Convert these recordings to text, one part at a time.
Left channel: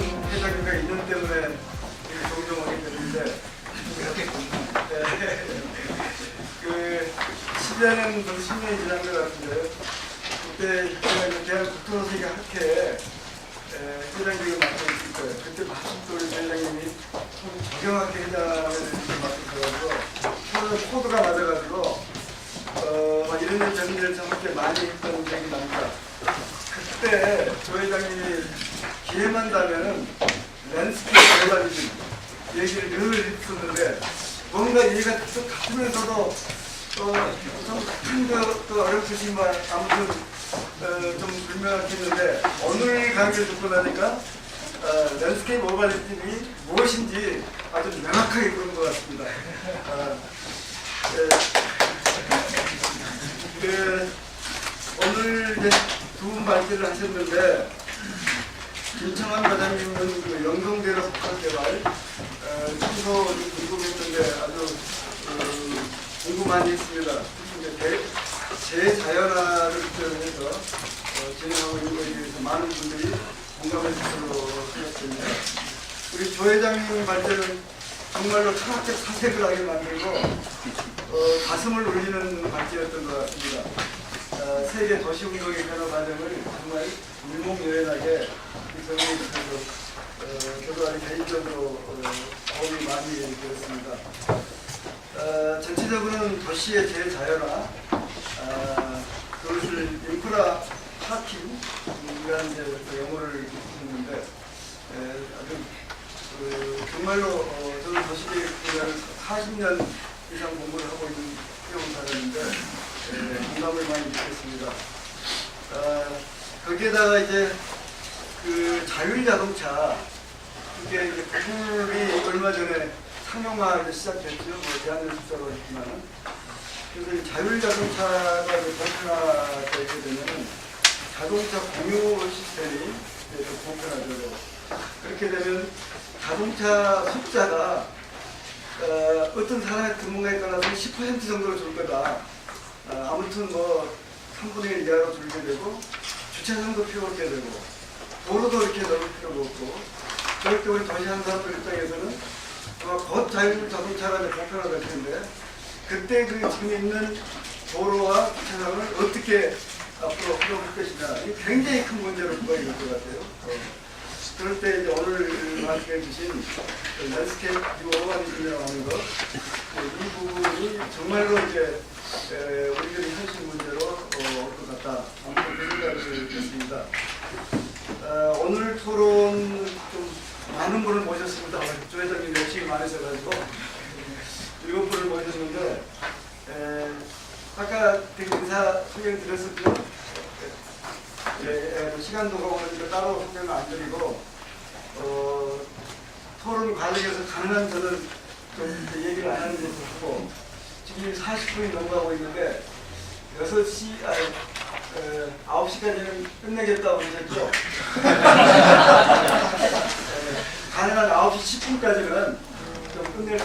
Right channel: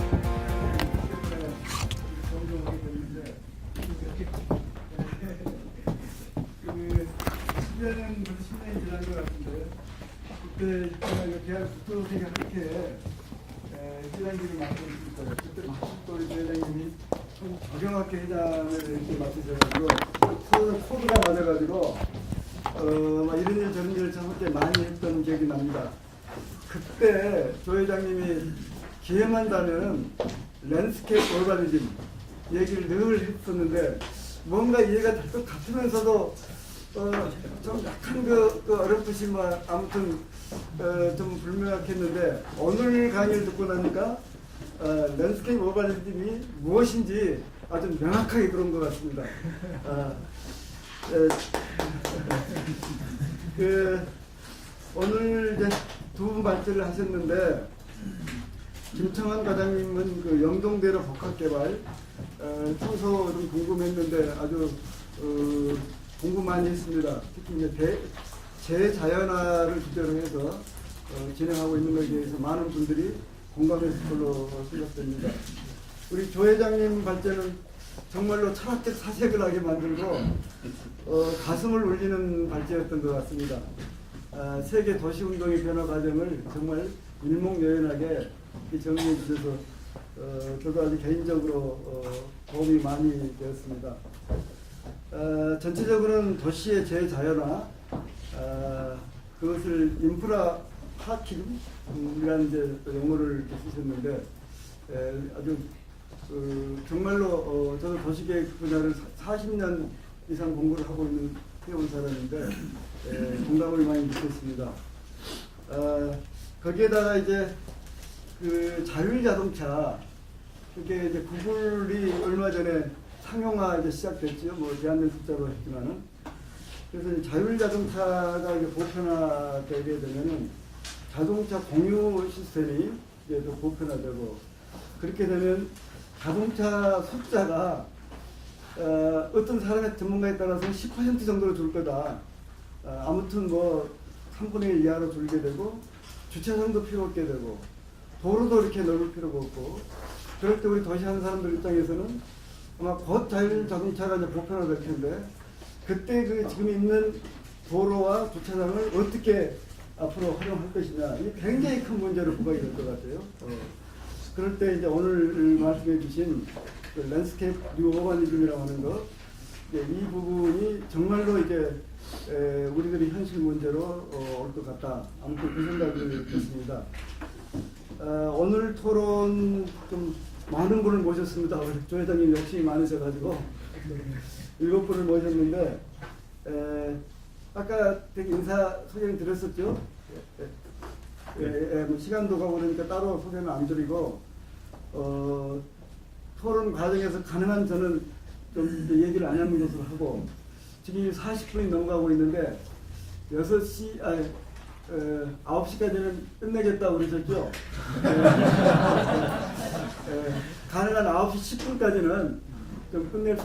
회장님과 인연 때문에 되게 존경하게 됐는데 그 10년은 벌써 10년이 지난 것 같은데 그때 제가 이제 대한국토선생이 함께 회장직을 맡고 있을 거예요. 그때 마침 또 우리 회장님이 정경학회 회장을 이렇게 맡으셔가지고 코드가 맞아가지고 이런 일 저런 일 함께 많이 했던 기억이 납니다. 그때 조 회장님이 기회만 다면은 랜스케이프 개발이지 얘기를 늘 했었는데 뭔가 얘기가 좀 같으면서도 좀 큰 어렵으시지만 아무튼 좀 불명확했는데 오늘 강의를 듣고 나니까 랜스케이프 오버리즘이 무엇인지 아주 명확하게 그런 것 같습니다. 오늘 이제 두 분 발제를 하셨는데 김청환 과장님은 그 영동대로 복합개발 청소 좀 궁금했는데 아주 궁금한 있습니다. 특히 이제 재자연화를 주제로 해서 진행하고 있는 것에 대해서 많은 분들이 공감해 주시도록 생각됩니다. 우리 조 회장님 발제는 정말로 철학적 사색을 하게 만들고 가슴을 울리는 발제였던 것 같습니다. 세계 도시운동의 변화 과정을 정말 일목요연하게 설명해 주셔서 저도 아주 개인적으로 도움이 많이 되었습니다. 전체적으로는 도시의 재자연화, 그것을 인프라 파킹이라는 용어를 쓰셨는데 아주 정말로 저는 도시계획 분야를 40년 이상 공부를 하고 있는 수용사였는데 공감을 많이 느꼈습니다. 거기에다가 이제 그 자율자동차, 그게 이제 구글이 얼마 전에 상용화 이제 시작됐죠. 뭐 대한민국적으로 했지만은. 그래서 이 자율자동차가 이제 보편화되게 되면은 자동차 공유 시스템이 이제 보편화되고, 그렇게 되면 자동차 숫자가 어떤 사람의 근무에 따라서 10% 정도로 줄 거다. 아무튼 뭐 3분의 1 이하로 줄게 되고 주차장도 필요 없게 되고 도로도 이렇게 넓을 필요가 없고, 그럴 때 우리 도시 한 사람들 입장에서는 아마 곧 자율자동차가 보편화될 텐데 그때 그 지금 있는 도로와 주차장을 어떻게 앞으로 활용할 것이냐, 이게 굉장히 큰 문제로 부각이 될 것 같아요. 그럴 때 이제 오늘 말씀해 주신 그 랜드스케이프 뉴 어바니즘이라고 하는 것, 이 부분이 정말로 이제 우리들의 현실 문제로 올 것 같다. 아무튼 그 생각을 했습니다. 오늘 토론 좀 많은 분을 모셨습니다. 조 회장님 욕심이 많으셔가지고 7분을 모셨는데 아까 되게 인사 소개 드렸었죠. 뭐 시간도 가고 그러니까 따로 소개는 안 드리고 토론 과정에서 가능한 저는 좀 얘기를 안 하는 것으로 하고, 지금 40분이 넘어가고 있는데 9시까지는 끝내겠다고 그러셨죠? 가능한 9시 10분까지는 좀 끝낼 수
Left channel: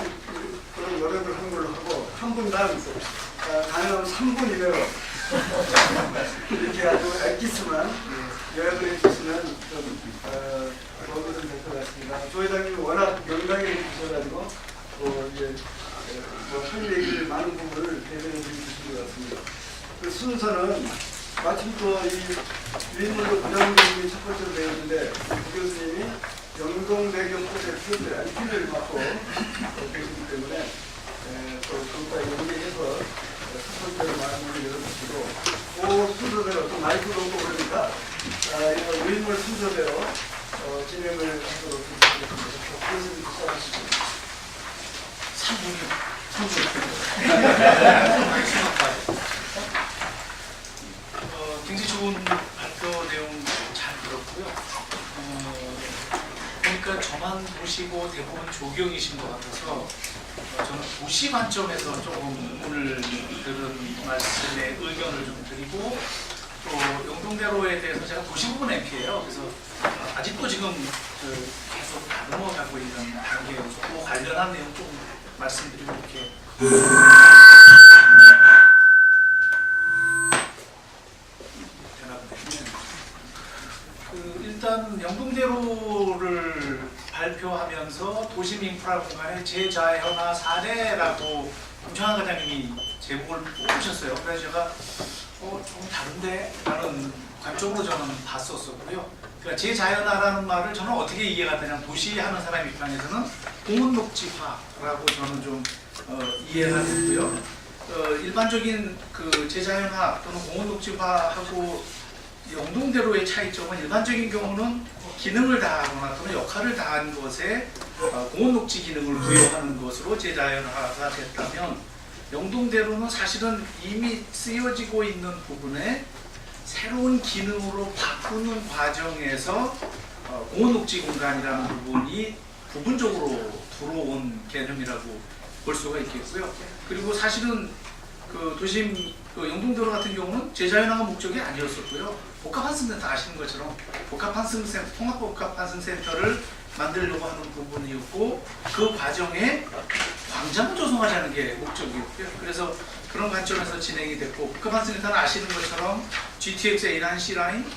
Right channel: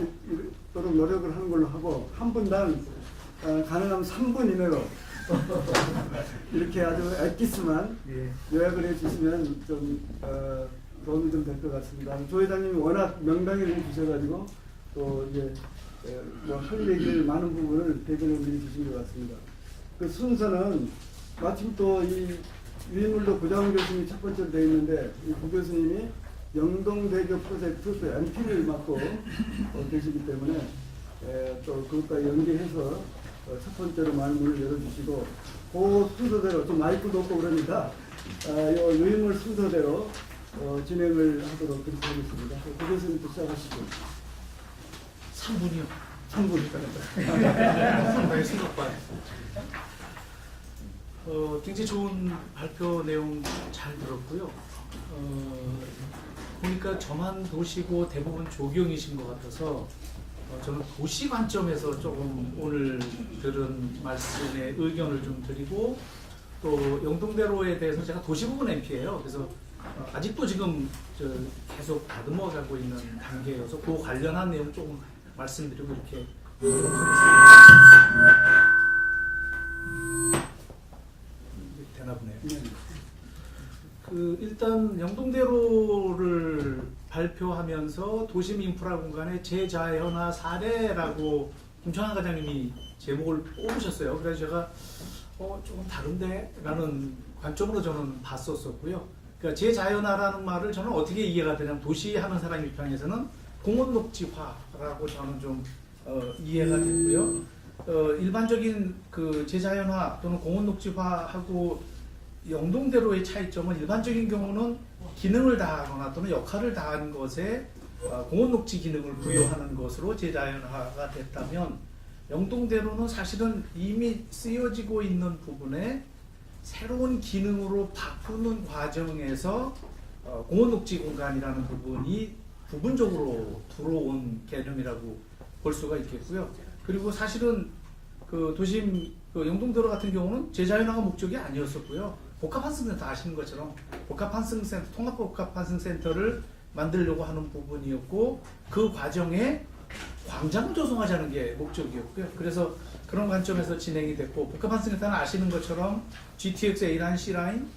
있도록 노력을 하는 걸로 하고, 한 분당 가능하면 3분 이내로 이렇게 아주 엑기스만 요약을 해주시면 좀 도움이 좀 될 것 같습니다. 조 회장님이 워낙 명강히 주셔가지고 또 이제 할 얘기를 많은 부분을 대변해 주신 것 같습니다. 그 순서는 마침 또 이 유인문도 부장 교수님이 첫 번째로 되어 있는데 이 부 교수님이 영동대교 프로젝트 MP를 맡고 계시기 때문에 또 그것과 연계해서 첫 번째로 많은 분을 열어주시고, 그 순서대로 또 마이크도 없고 그러니까 유인물 순서대로 진행을 하도록 하겠습니다. 부 교수님 시작하시죠. 굉장히 좋은 발표 내용 잘 들었고요. 보니까 저만 도시고 대부분 조경이신 것 같아서 저는 도시 관점에서 조금 오늘 들은 말씀에 의견을 좀 드리고, 또 영동대로에 대해서 제가 도시부분 MP예요. 그래서 아직도 지금 계속 다듬어 가고 있는 단계여서 그 관련한 내용 좀 말씀드리고 이렇게 되나 보네요. 일단 일단 영동대로를 발표하면서 도심 인프라 공간의 재자연화 사례라고 김청환 과장님이 제목을 뽑으셨어요. 그래서 제가 좀 다른데? 라는 관점으로 저는 봤었고요. 그러니까 재자연화라는 말을 저는 어떻게 이해가 되냐면 도시 하는 사람 입장에서는 공원녹지화라고 저는 좀 이해가 되고요. 일반적인 그 재자연화 또는 공원녹지화하고 영동대로의 차이점은 일반적인 경우는 기능을 다하거나 또는 역할을 다한 것에 공원녹지 기능을 부여하는 것으로 재자연화가 됐다면 영동대로는 사실은 이미 쓰여지고 있는 부분에 새로운 기능으로 바꾸는 과정에서 공원녹지 공간이라는 부분이 부분적으로 들어온 개념이라고 볼 수가 있겠고요. 그리고 사실은 그 도심 그 영동대로 같은 경우는 재자연화가 목적이 아니었었고요. 복합환승센터 아시는 것처럼 복합환승센터, 통합복합환승센터를 만들려고 하는 부분이었고 그 과정에 광장을 조성하자는 게 목적이었고요. 그래서 그런 관점에서 진행이 됐고 복합환승센터는 아시는 것처럼 GTX A라인, C라인,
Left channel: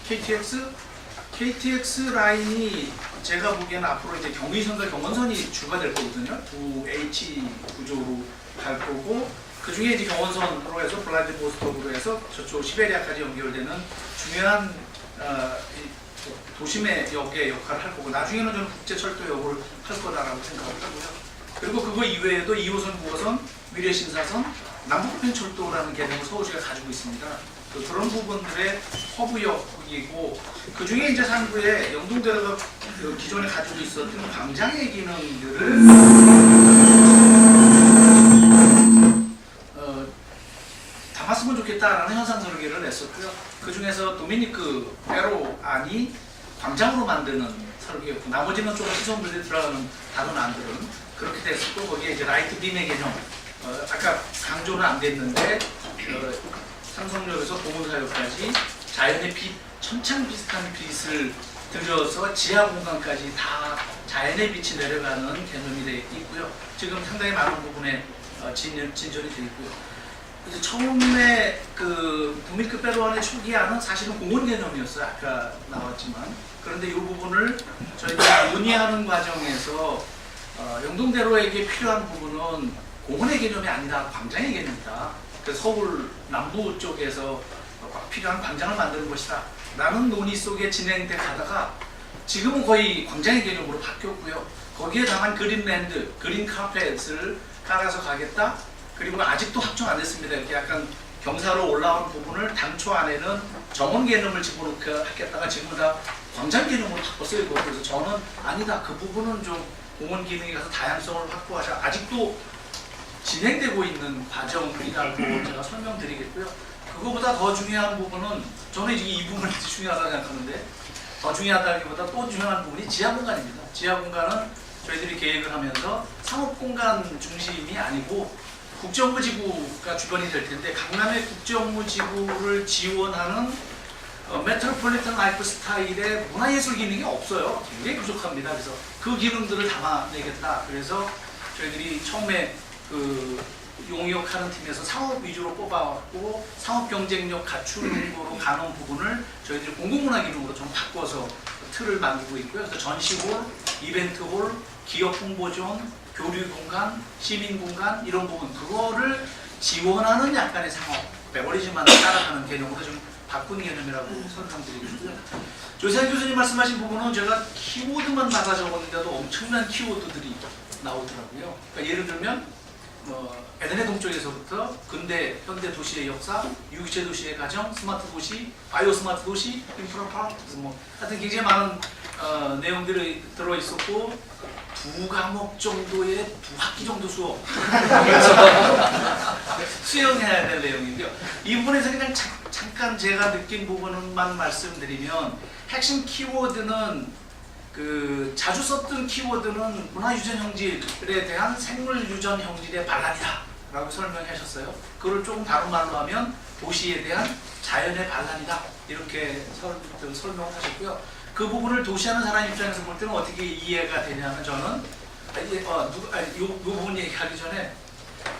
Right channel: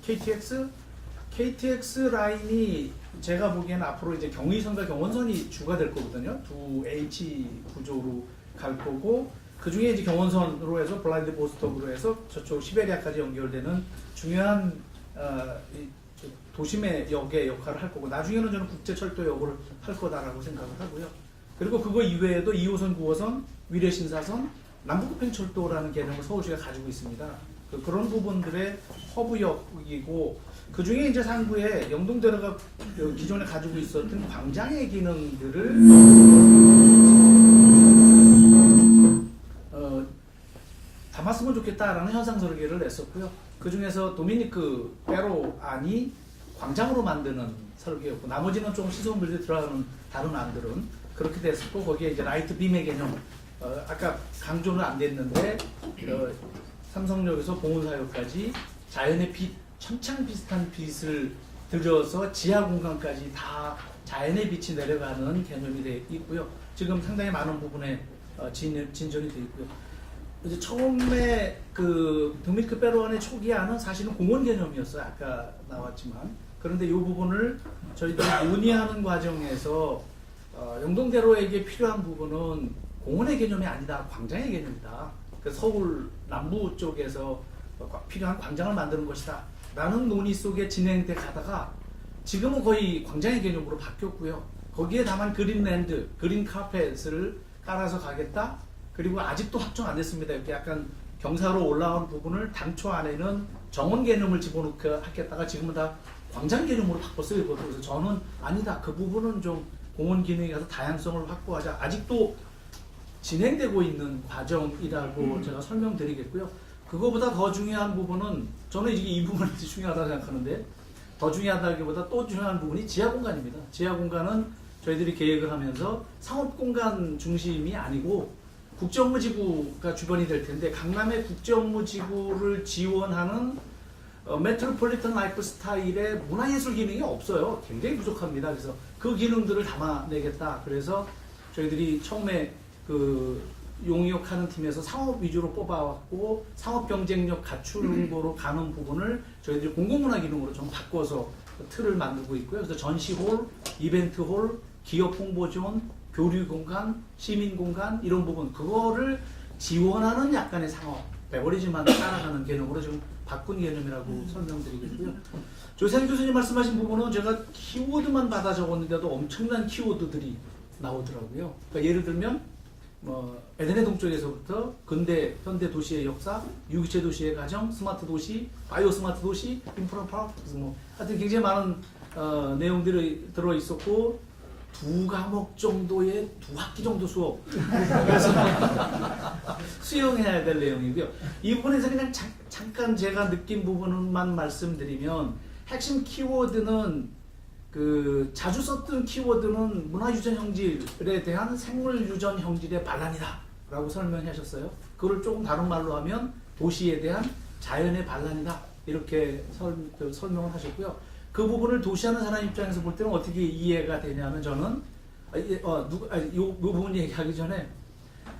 KTX 라인이 제가 보기에는 앞으로 이제 경의선과 경원선이 주가 될 거거든요. 두 H 구조로 갈 거고 그 중에 이제 경원선으로 해서 블라디보스토크로 해서 저쪽 시베리아까지 연결되는 중요한 도심의 역의 역할을 할 거고 나중에는 좀 국제철도 역을 할 거다라고 생각을 하고요. 그리고 그거 이외에도 2호선, 9호선, 위례신사선, 남북편철도라는 개념을 서울시가 가지고 있습니다. 그런 부분들의 허브역이고 그 중에 이제 상부에 영동대로가 그 기존에 가지고 있었던 광장의 기능들을 담았으면 좋겠다라는 현상 설계를 냈었고요. 그 중에서 도미니크 페로 안이 광장으로 만드는 설계였고 나머지는 좀 시설물들이 들어가는 다른 안들은 그렇게 됐었고 거기에 이제 라이트 빔의 개념 아까 강조는 안 됐는데 삼성역에서 동원사역까지 자연의 빛, 천창 비슷한 빛을 들여서 지하 공간까지 다 자연의 빛이 내려가는 개념이 되어 있고요. 지금 상당히 많은 부분에 진전이 되어 있고요. 이제 처음에 그 도미니크 페로안의 초기화는 사실은 공원 개념이었어요. 아까 나왔지만 그런데 이 부분을 저희가 논의하는 과정에서 영동대로에게 필요한 부분은 공원의 개념이 아니다, 광장의 개념이다. 그래서 서울 남부 쪽에서 필요한 광장을 만드는 것이다 라는 논의 속에 진행돼 가다가 지금은 거의 광장의 개념으로 바뀌었고요. 거기에 다만 그린랜드, 그린 카펫을 깔아서 가겠다. 그리고 아직도 확정 안 됐습니다. 이렇게 약간 경사로 올라온 부분을 당초 안에는 정원 개념을 집어넣게 하겠다가 지금은 다 광장 개념으로 바꿨어요. 그래서 저는 아니다. 그 부분은 좀 공원 기능에 가서 다양성을 확보하자. 아직도 진행되고 있는 과정이라고 제가 설명드리겠고요. 그거보다 더 중요한 부분은 저는 이 부분이 중요하다고 생각하는데 더 중요하다기보다 또 중요한 부분이 지하 공간입니다. 지하 공간은 저희들이 계획을 하면서 상업 공간 중심이 아니고 국정무지구가 주변이 될 텐데 강남의 국정무지구를 지원하는 메트로폴리탄 라이프 스타일의 문화예술 기능이 없어요. 굉장히 부족합니다. 그래서 그 기능들을 담아내겠다. 그래서 저희들이 처음에 그 용역하는 팀에서 상업 위주로 뽑아왔고 상업 경쟁력 갖추는 거로 가는 부분을 저희들이 공공문화 기능으로 좀 바꿔서 틀을 만들고 있고요. 그래서 전시홀, 이벤트홀, 기업 홍보존, 교류 공간, 시민 공간 이런 부분 그거를 지원하는 약간의 상업 베버리지만 따라가는 개념으로 좀 바꾼 개념이라고 설명드리겠고요. 조세환 교수님 말씀하신 부분은 제가 키워드만 받아 적었는데도 엄청난 키워드들이 나오더라고요. 그러니까 예를 들면 에덴의 동쪽에서부터 근대 현대 도시의 역사, 유기체 도시의 가정, 스마트 도시, 바이오 스마트 도시, 인프라 파크 하여튼 굉장히 많은 내용들이 들어 있었고. 두 과목 정도의 두 학기 정도 수업 수영해야 될 내용인데요. 이 부분에서 그냥 잠깐 제가 느낀 부분만 말씀드리면 핵심 키워드는 그 자주 썼던 키워드는 문화유전 형질에 대한 생물유전 형질의 반란이다 라고 설명하셨어요. 그걸 조금 다른 말로 하면 도시에 대한 자연의 반란이다 이렇게 설명을 하셨고요. 그 부분을 도시하는 사람 입장에서 볼 때는 어떻게 이해가 되냐면 저는 이 부분 얘기하기 전에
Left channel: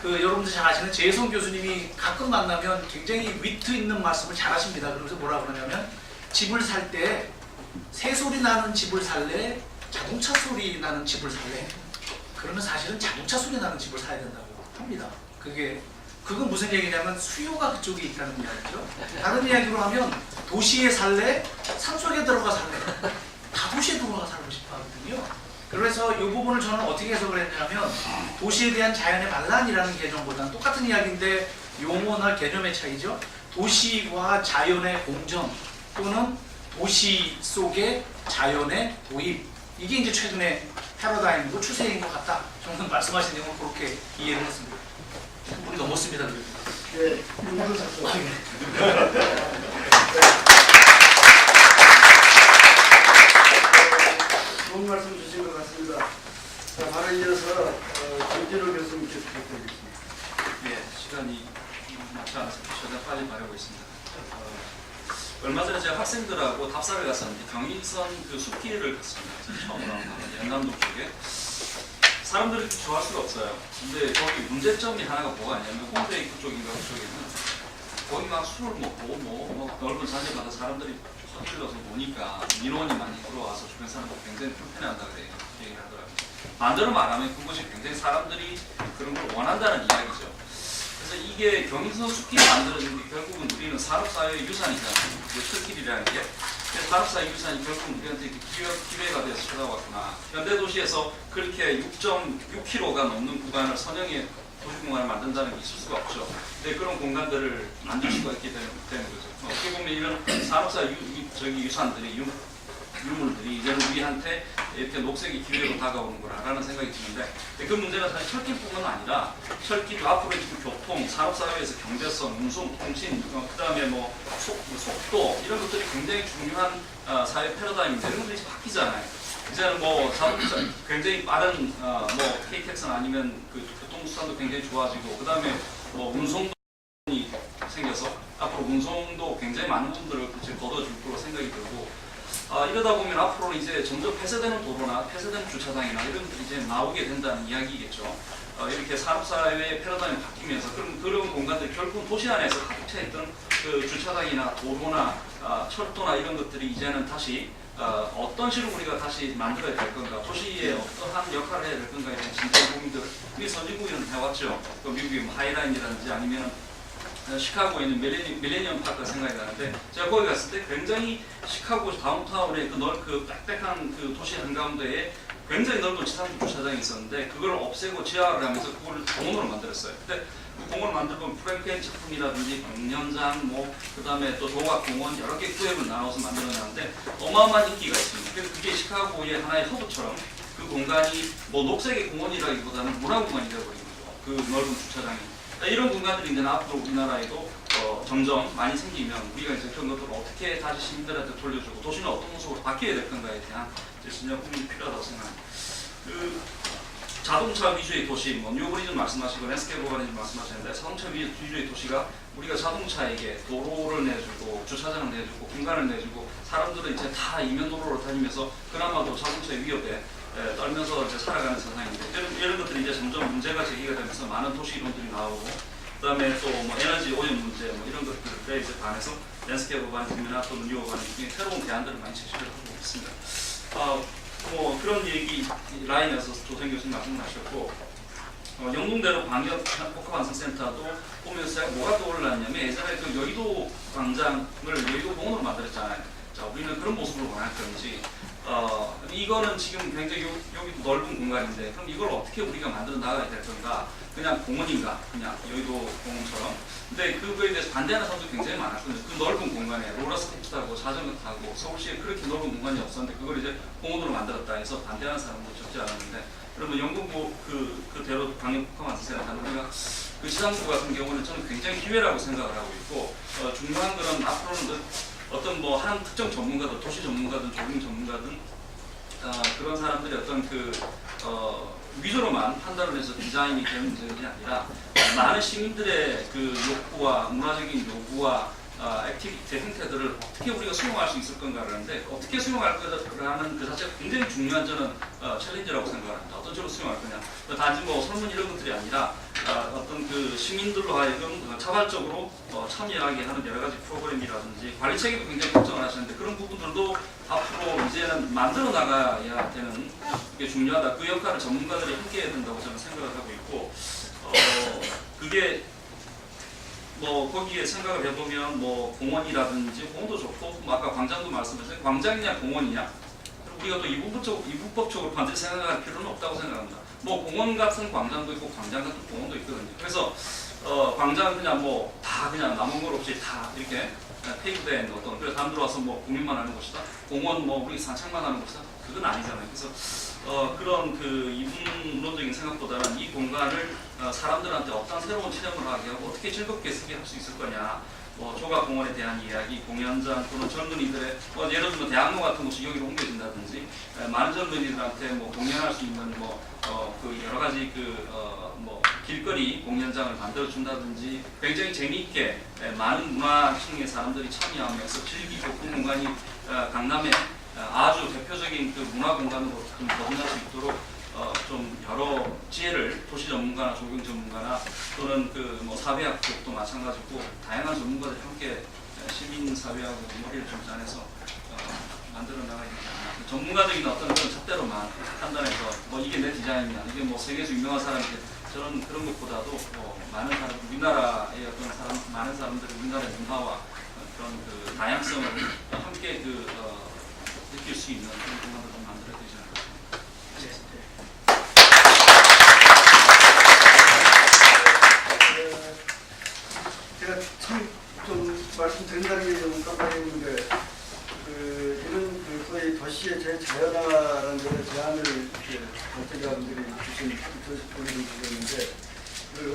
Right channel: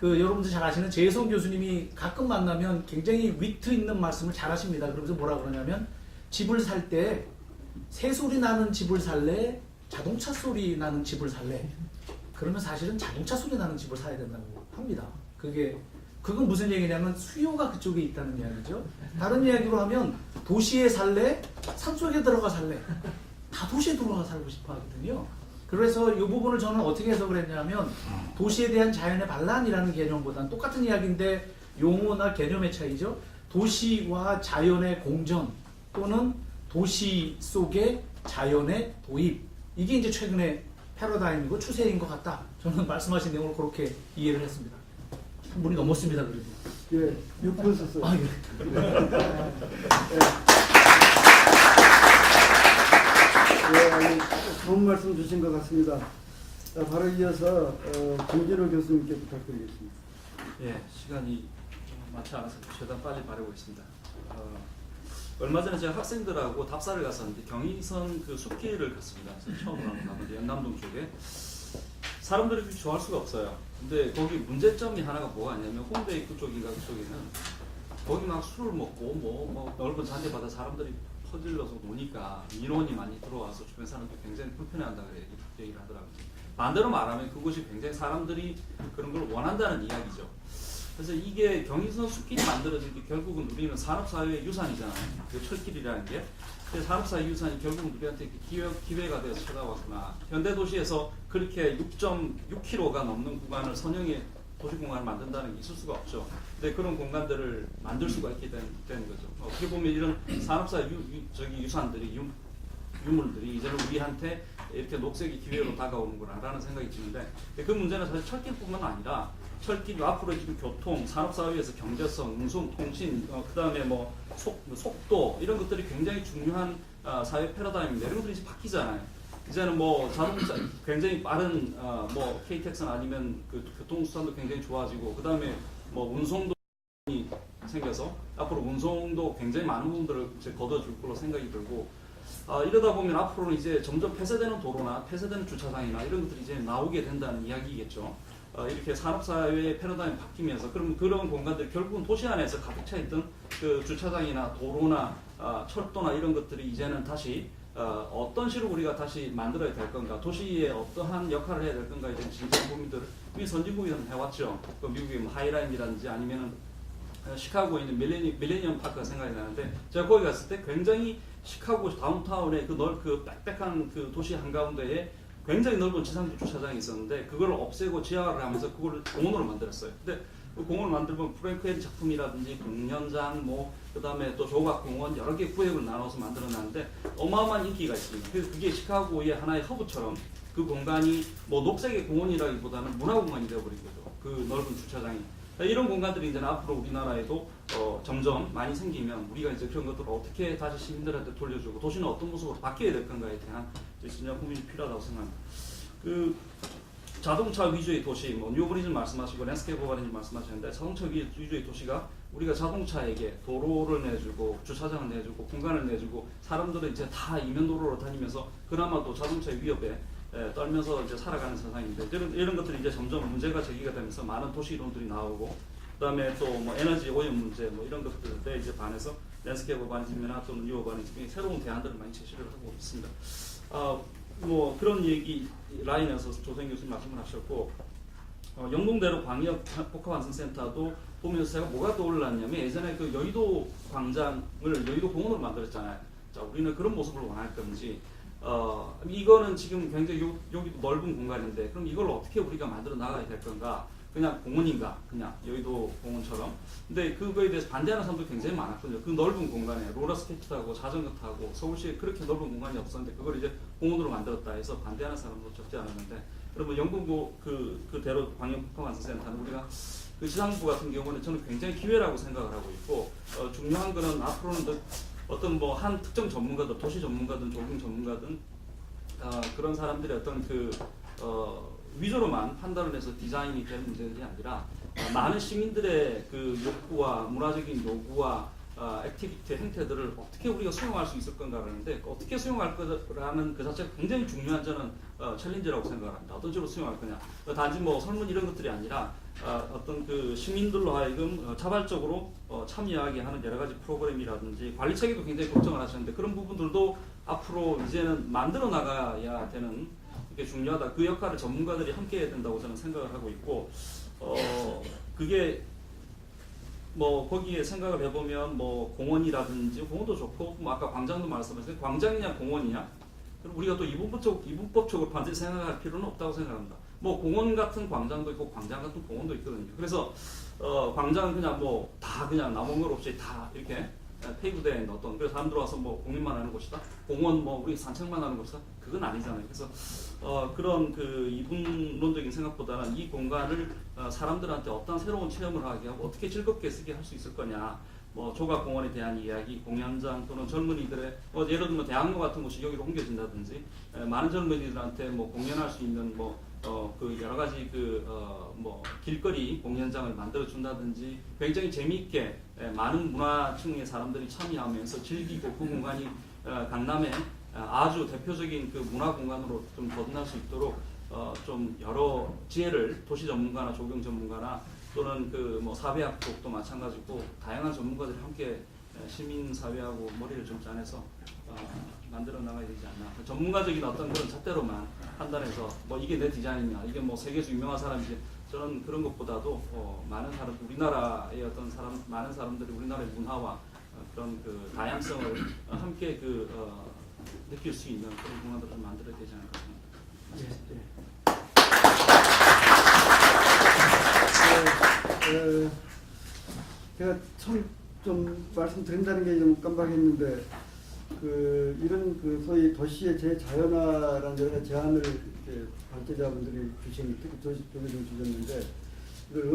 그 여러분들 잘 아시는 재성 교수님이 가끔 만나면 굉장히 위트 있는 말씀을 잘 하십니다. 그러면서 뭐라 그러냐면 집을 살 때 새소리 나는 집을 살래? 자동차 소리 나는 집을 살래? 그러면 사실은 자동차 소리 나는 집을 사야 된다고 합니다. 그건 무슨 얘기냐면 수요가 그쪽에 있다는 이야기죠. 다른 이야기로 하면 도시에 살래? 산속에 들어가 살래? 다 도시에 들어가 살고 싶어 하거든요. 그래서 이 부분을 저는 어떻게 해석을 했냐면 도시에 대한 자연의 반란이라는 개념보다는 똑같은 이야기인데 용어나 개념의 차이죠. 도시와 자연의 공존 또는 도시 속의 자연의 도입, 이게 이제 최근에 패러다임이고 추세인 것 같다. 저는 말씀하신 내용을 그렇게 이해를 했습니다. 물이 넘었습니다. 그래도. 예, 윤도 썼어요. 아, 예. 네, 좋은 말씀 주신 것 같습니다. 자, 바로 이어서 김진호 교수님께 부탁드리겠습니다. 예, 시간이 많지 않아서 최대한 빨리 말하고 있습니다. 얼마 전에 제가 학생들하고 답사를 갔었는데 경의선 그 숲길을 갔습니다. 처음으로 한번 연남동 쪽에 사람들이 좋아할 수가 없어요. 근데 거기 문제점이 하나가 뭐가 아니냐면 홍대 입구 쪽인가 그쪽에는 거기 막 술을 먹고 뭐 넓은 잔디바다 사람들이 퍼질러서 노니까 민원이 많이 들어와서 주변 사람들이 굉장히 불편해한다 그래 얘기를 하더라고요. 반대로 말하면 그곳이 굉장히 사람들이 그런 걸 원한다는 이야기죠. 그래서 이게 경의선 숲길이 만들어진 게 결국은 우리는 산업사회의 유산이잖아요. 그 숲길이라는 게. 그래서 산업사회 유산이 결국은 우리한테 이렇게 기회가 돼서 찾아왔구나. 현대도시에서 그렇게 6.6km가 넘는 구간을 선형의 도시공간을 만든다는 게 있을 수가 없죠. 근데 그런 공간들을 만들 수가 있기 때문에 거죠. 어떻게 보면 이런 산업사회 유산들이 유물들이 이제는 우리한테 이렇게 녹색의 기회로 다가오는 거라는 생각이 드는데 그 문제는 사실 철길뿐만 아니라 철길 앞으로 지금 교통, 산업사회에서 경제성, 운송, 통신, 그다음에 뭐 속도 이런 것들이 굉장히 중요한 사회 패러다임인데 이런 것들이 이제 바뀌잖아요. 이제는 뭐 자동차 굉장히 빠른 뭐 KTX나 아니면 그 교통수단도 굉장히 좋아지고 그다음에 뭐 운송도 생겨서 앞으로 운송도 굉장히 많은 분들을 걷어줄 거로 생각이 들고 이러다 보면 앞으로는 이제 점점 폐쇄되는 도로나 폐쇄되는 주차장이나 이런 것들이 이제 나오게 된다는 이야기겠죠. 이렇게 산업사회의 패러다임이 바뀌면서 그런 공간들이 결국은 도시 안에서 가득 차있던 그 주차장이나 도로나 철도나 이런 것들이 이제는 다시 어떤 식으로 우리가 다시 만들어야 될 건가, 도시에 어떠한 역할을 해야 될 건가에 대한 진짜 고민들을 우리 선진국에는 해왔죠. 그 미국의 하이라인이라든지 아니면 시카고에 있는 밀레니엄 파크가 생각이 나는데 제가 거기 갔을 때 굉장히 시카고 다운타운의 그 빽빽한 그 도시 한가운데에 굉장히 넓은 지상주 주차장이 있었는데 그걸 없애고 지하를 하면서 그걸 공원으로 만들었어요. 근데 그 공원을 만들면 프랭크의 작품이라든지 공연장, 뭐 그다음에 또 조각공원 여러 개 구역을 나눠서 만들어놨는데 어마어마한 인기가 있습니다. 그래서 그게 시카고의 하나의 허브처럼 그 공간이 뭐 녹색의 공원이라기보다는 문화공간이 되어버린 거죠. 그 넓은 주차장이. 이런 공간들이 이제 앞으로 우리나라에도 점점 많이 생기면 우리가 이제 그런 것들을 어떻게 다시 시민들한테 돌려주고 도시는 어떤 모습으로 바뀌어야 될 건가에 대한 진짜 고민이 필요하다고 생각합니다. 그 자동차 위주의 도시, 뭐 뉴버리즘 말씀하시고 랜스케이프 오버리즘 말씀하시는데 자동차 위주의 도시가 우리가 자동차에게 도로를 내주고 주차장을 내주고 공간을 내주고 사람들은 이제 다 이면도로로 다니면서 그나마도 자동차의 위협에 떨면서 이제 살아가는 세상인데 이런 것들이 이제 점점 문제가 제기가 되면서 많은 도시 이론들이 나오고 그다음에 또 뭐 에너지 오염 문제 뭐 이런 것들에 이제 반해서 랜스케이프 오버리즘이나 또 뉴 오버리즘 새로운 대안들을 많이 제시를 하고 있습니다. 뭐 그런 얘기 라인에서 조정 교수님 말씀하셨고 영동대로 광역 복합환승센터도 보면서 뭐가 떠올랐냐면 예전에 그 여의도 광장을 여의도 공원으로 만들었잖아요. 자, 우리는 그런 모습으로 원할 건지 이거는 지금 굉장히 여기 넓은 공간인데 그럼 이걸 어떻게 우리가 만들어 나가야 될 건가? 그냥 공원인가? 그냥 여의도 공원처럼. 근데 그거에 대해서 반대하는 사람도 굉장히 많았거든요. 그 넓은 공간에 롤러스케이트 타고 자전거 타고 서울시에 그렇게 넓은 공간이 없었는데 그걸 이제 공원으로 만들었다 해서 반대하는 사람도 적지 않았는데 그러면 영국고 그대로 광역복합환승센터 하는 데가 그 지상구 같은 경우는 저는 굉장히 기회라고 생각을 하고 있고 중요한 거는 앞으로는 어떤 뭐 한 특정 전문가든 도시 전문가든 조경 전문가든 그런 사람들이 어떤 위주로만 판단을 해서 디자인이 되는 문제가 아니라 많은 시민들의 그 욕구와 문화적인 요구와 액티비티 형태들을 어떻게 우리가 수용할 수 있을 건가 하는데 어떻게 수용할 거라는 그 자체가 굉장히 중요한 저는 챌린지라고 생각합니다. 어떤 식으로 수용할 거냐. 단지 뭐 설문 이런 것들이 아니라 어떤 그 시민들로 하여금 자발적으로 참여하게 하는 여러 가지 프로그램이라든지 관리 체계도 굉장히 걱정을 하시는데 그런 부분들도 앞으로 이제는 만들어 나가야 되는 게 중요하다. 그 역할을 전문가들이 함께 해야 된다고 저는 생각을 하고 있고 그게 뭐 거기에 생각을 해보면 뭐 공원이라든지 공원도 좋고 뭐 아까 광장도 말씀하셨어요. 광장이냐 공원이냐 그리고 우리가 또 이분법적으로 반드시 생각할 필요는 없다고 생각합니다. 뭐 공원 같은 광장도 있고 광장 같은 공원도 있거든요. 그래서 광장 그냥 뭐 다 그냥 남은 것 없이 다 이렇게 페이브된 어떤 그래서 사람들 와서 뭐 공연만 하는 곳이다. 공원 뭐 우리 산책만 하는 곳이다. 그건 아니잖아요. 그래서 그런 그 이분론적인 생각보다는 이 공간을 사람들한테 어떤 새로운 체험을 하게 하고 어떻게 즐겁게 할 수 있을 거냐. 뭐 조각공원에 대한 이야기, 공연장 또는 젊은이들의 예를 들면 대학로 같은 곳이 여기로 옮겨진다든지 많은 젊은이들한테 뭐 공연할 수 있는 그 여러 가지 뭐 길거리 공연장을 만들어 준다든지 굉장히 재미있게 많은 문화층의 사람들이 참여하면서 즐기고 그 공간이 강남의 아주 대표적인 그 문화 공간으로 좀 거듭날 수 있도록 좀 여러 지혜를 도시 전문가나 조경 전문가나 또는 그 뭐 사회학 쪽도 마찬가지고 다양한 전문가들이 함께 시민 사회하고 머리를 좀 짜내서 만들어 나가야 되지 않나. 전문가적인 어떤 그런 잣대로만 판단해서 뭐 이게 내 디자인이야, 이게 뭐 세계에서 유명한 사람인데 저는 그런 것보다도 많은 사람, 우리나라의 어떤 많은 사람들이 우리나라의 문화와 그런 그 다양성을 함께 느낄 수 있는 그런 공간을 좀 만들어야 되지 않을까 싶습니다. 제가 참 좀 말씀드린다는 게 좀 깜빡했는데 이런 소위 도시의 재자연화라는 여러 제안을 관계자분들이 주셨는데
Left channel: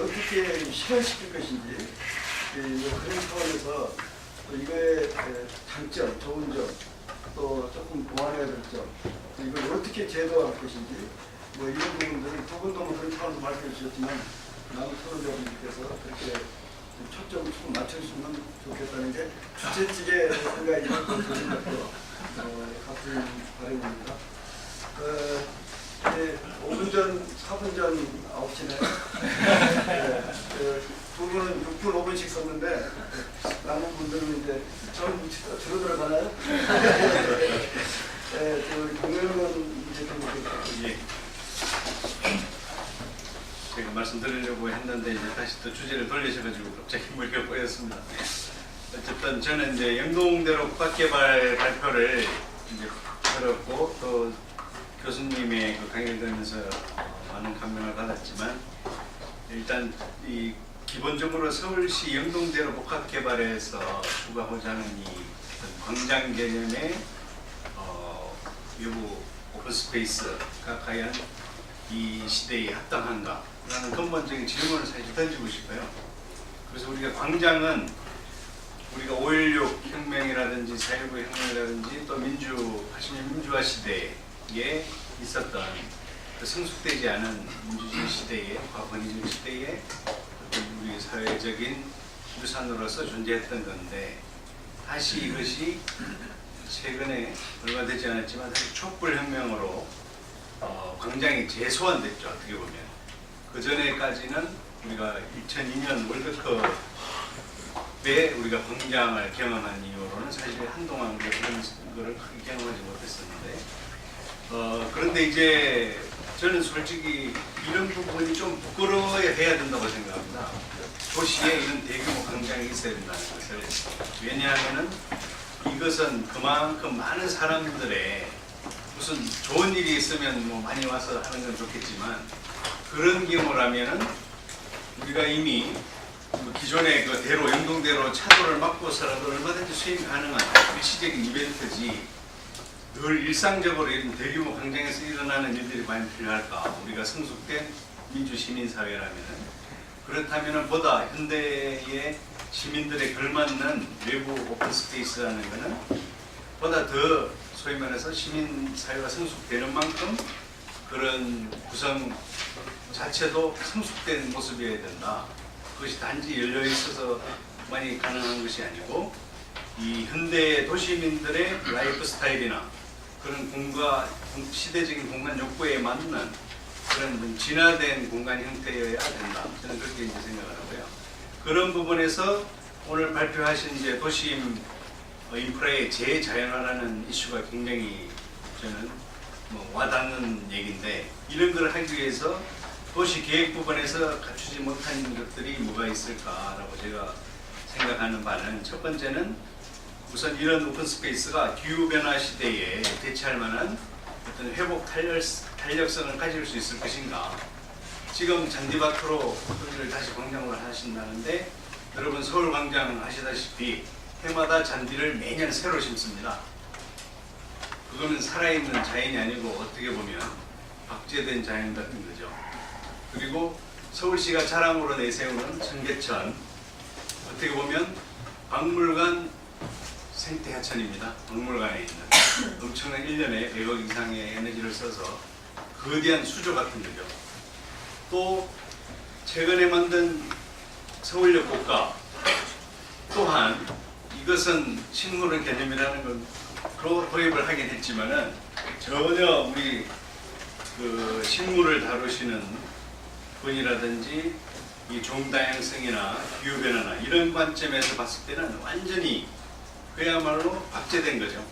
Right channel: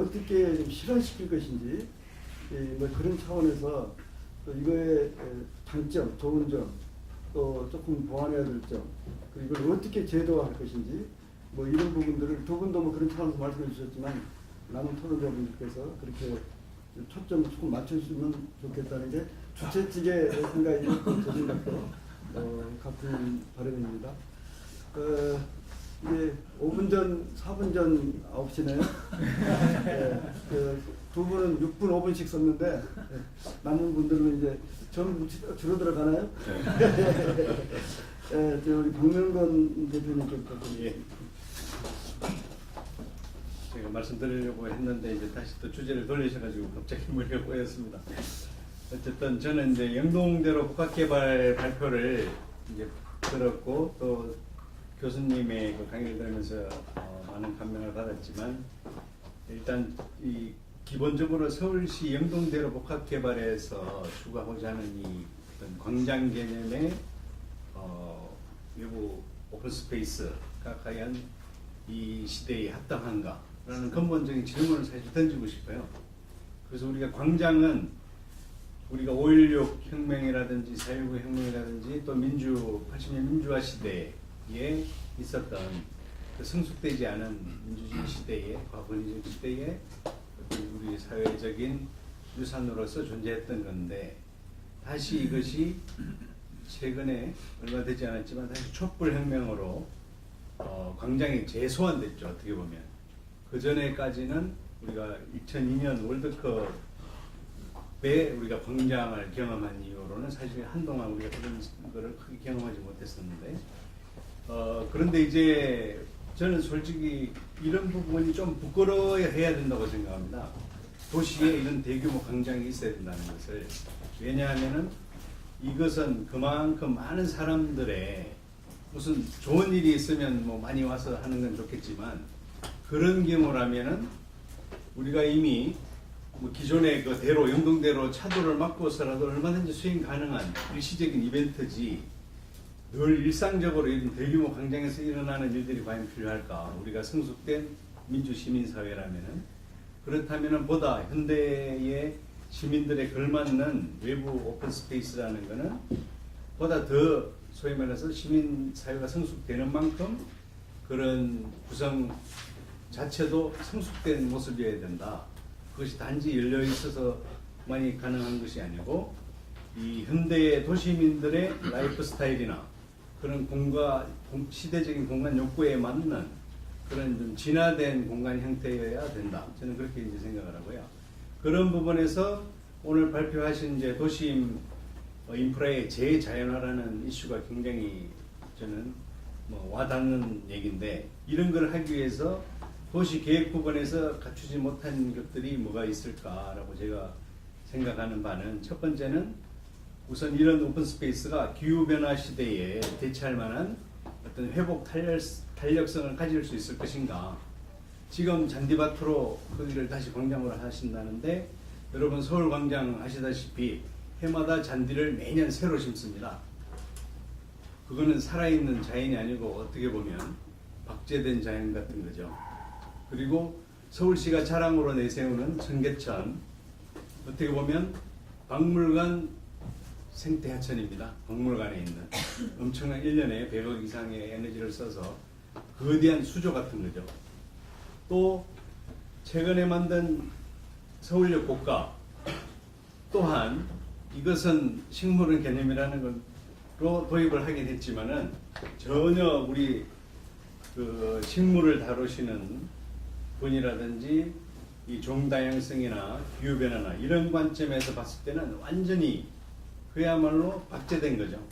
어떻게 실현시킬 것인지 그런 차원에서 또 이거의 장점, 좋은 점, 또 조금 보완해야 될 점, 이걸 어떻게 제도화할 것인지 뭐 이런 부분들을 두 분도 뭐 그런 차원에서 말씀해 주셨지만 남은 서로자분께서 그렇게 초점 좀 맞춰주시면 좋겠다는 게 주최 측의 생각이 같은 바람입니다. 이제 5분 전, 4분 전 9시네요. 두 분은 6분, 5분씩 썼는데 남은 분들은 이제 저는 들어 들어가나요? 우리 국민의원 대표님. 제가 말씀드리려고 했는데 이제 다시 또 주제를 돌리셔가지고 갑자기 물겨 보였습니다. 어쨌든 저는 이제 영동대로 국가개발 발표를 이제 들었고 또 교수님의 그 강의를 들으면서 많은 감명을 받았지만 일단 이 기본적으로 서울시 영동대로 복합개발에서 추구하고자 하는 이 광장 개념의 외부 오픈스페이스가 과연 이 시대에 합당한가? 라는 근본적인 질문을 사실 던지고 싶어요. 그래서 우리가 광장은 우리가 5.16 혁명이라든지 4.19 혁명이라든지 또 80년 민주화 시대에 있었던 그 성숙되지 않은 민주주의 시대에, 과권위주의 시대에 우리 사회적인 유산으로서 존재했던 건데 다시 이것이 최근에 얼마 되지 않았지만 다시 촛불혁명으로 광장이 재소환됐죠. 어떻게 보면 그 전에까지는 우리가 2002년 월드컵에 우리가 광장을 경험한 이후로는 사실 한동안 우리가 그런 거를 크게 경험하지 못했었는데 그런데 이제 저는 솔직히 이런 부분이 좀 부끄러워야 해야 된다고 생각합니다. 도시에 이런 대규모 광장이 있어야 된다는 것을. 왜냐하면은 이것은 그만큼 많은 사람들의 무슨 좋은 일이 있으면 뭐 많이 와서 하는 건 좋겠지만 그런 경우라면은 우리가 이미 기존의 그 대로 영동대로 차도를 막고서라도 얼마든지 수행 가능한 일시적인 이벤트지 늘 일상적으로 이런 대규모 광장에서 일어나는 일들이 과연 필요할까? 우리가 성숙된 민주시민사회라면은 그렇다면은 보다 현대의 시민들의 걸맞는 외부 오픈스페이스라는 것은 보다 더 소위 말해서 시민사회가 성숙되는 만큼 그런 구성 자체도 성숙된 모습이어야 된다. 그것이 단지 열려 있어서만이 가능한 것이 아니고 이 현대의 도시민들의 라이프 스타일이나 그런 시대적인 공간 욕구에 맞는 그런 좀 진화된 공간 형태여야 된다. 저는 그렇게 이제 생각을 하고요. 그런 부분에서 오늘 발표하신 이제 도심 인프라의 재자연화라는 이슈가 굉장히 저는 와닿는 얘기인데, 이런 걸 하기 위해서 도시 계획 부분에서 갖추지 못한 것들이 뭐가 있을까라고 제가 생각하는 바는, 첫 번째는 우선 이런 오픈 스페이스가 기후 변화 시대에 대처할 만한 어떤 회복 탄력성을 가질 수 있을 것인가. 지금 잔디밭으로 거기를 다시 광장으로 하신다는데, 여러분 서울광장 아시다시피 해마다 잔디를 매년 새로 심습니다. 그거는 살아있는 자연이 아니고 어떻게 보면 박제된 자연 같은 거죠. 그리고 서울시가 자랑으로 내세우는 청계천, 어떻게 보면 박물관 생태하천입니다. 박물관에 있는 엄청난 1년에 100억 이상의 에너지를 써서 거대한 수조 같은 거죠. 또 최근에 만든 서울역 고가 또한 이것은 식물원 개념이라는 걸로 도입을 하게 됐지만은, 전혀 우리 그 식물을 다루시는 분이라든지 이 종다양성이나 기후변화나 이런 관점에서 봤을 때는 완전히 그야말로 박제된 거죠.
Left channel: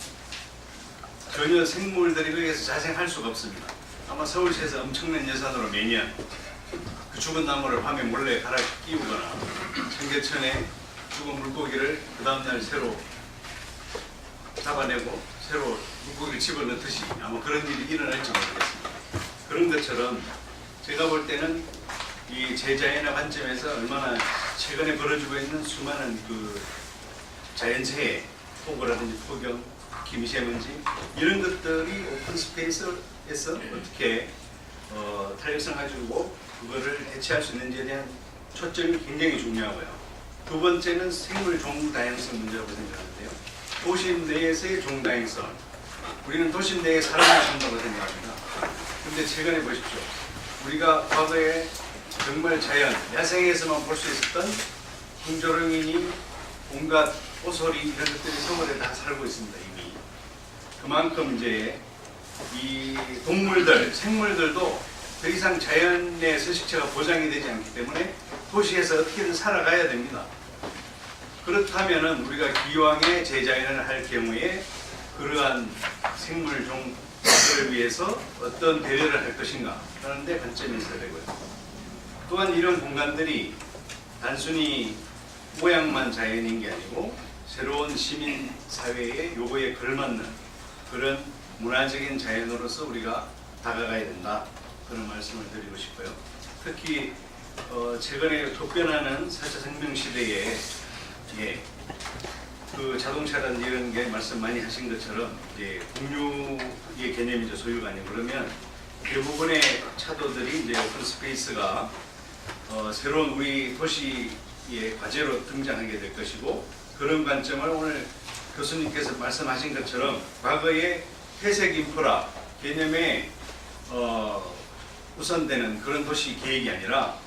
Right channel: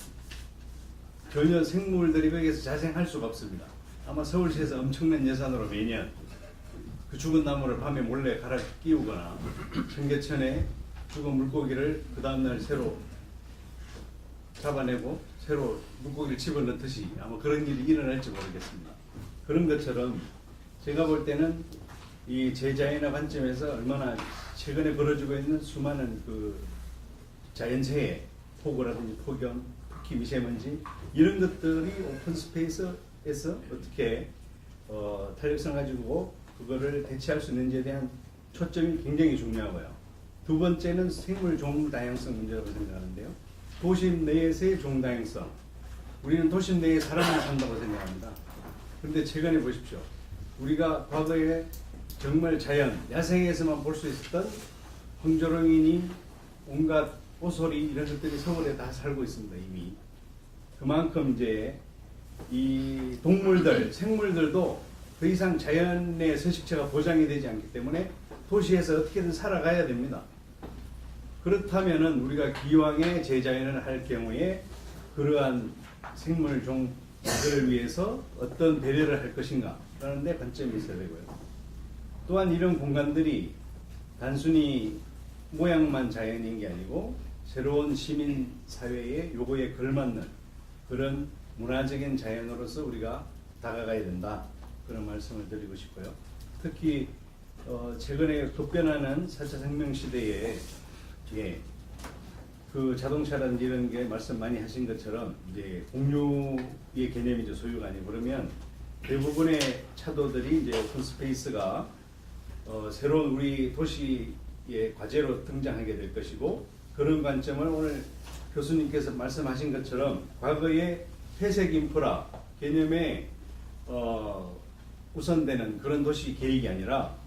전혀 생물들이 거기에서 자생할 수가 없습니다. 아마 서울시에서 엄청난 예산으로 매년 그 죽은 나무를 밤에 몰래 갈아 끼우거나 청계천에 죽은 물고기를 그 다음날 새로 잡아내고 새로 물고기를 집어넣듯이 아마 그런 일이 일어날지 모르겠습니다. 그런 것처럼 제가 볼 때는 이 재자연화 관점에서 얼마나 최근에 벌어지고 있는 수많은 그 자연재해, 폭우라든지 폭염, 특히 미세먼지 이런 것들이 오픈 스페이스에서 어떻게 탄력성 가지고 그거를 대체할 수 있는지에 대한 초점이 굉장히 중요하고요. 두 번째는 생물 종다양성 문제라고 생각하는데요. 도심 내에서의 종다양성. 우리는 도심 내에 사람을 산다고 생각합니다. 그런데 최근에 보십시오. 우리가 과거에 정말 자연, 야생에서만 볼 수 있었던 궁조렁이니 온갖 오소리 이런 것들이 서울에 다 살고 있습니다. 이미. 그만큼 이제 이 동물들, 생물들도 더 이상 자연의 서식처가 보장이 되지 않기 때문에 도시에서 어떻게든 살아가야 됩니다. 그렇다면 우리가 기왕에 재자연을 할 경우에 그러한 생물 종들을 위해서 어떤 배려를 할 것인가 라는 데 관점이 있어야 되고요. 또한 이런 공간들이 단순히 모양만 자연인 게 아니고 새로운 시민 사회의 요구에 걸맞는 그런 문화적인 자연으로서 우리가 다가가야 된다. 그런 말씀을 드리고 싶고요. 특히 최근에 급변하는 4차 생명 시대에 그 자동차라든지 이런 게 말씀 많이 하신 것처럼 이제 공유의 개념이죠. 소유가 아니고. 그러면 대부분의 차도들이 이제 오픈 스페이스가 새로운 우리 도시의 과제로 등장하게 될 것이고, 그런 관점을 오늘 교수님께서 말씀하신 것처럼 과거의 회색 인프라 개념에 우선되는 그런 도시 계획이 아니라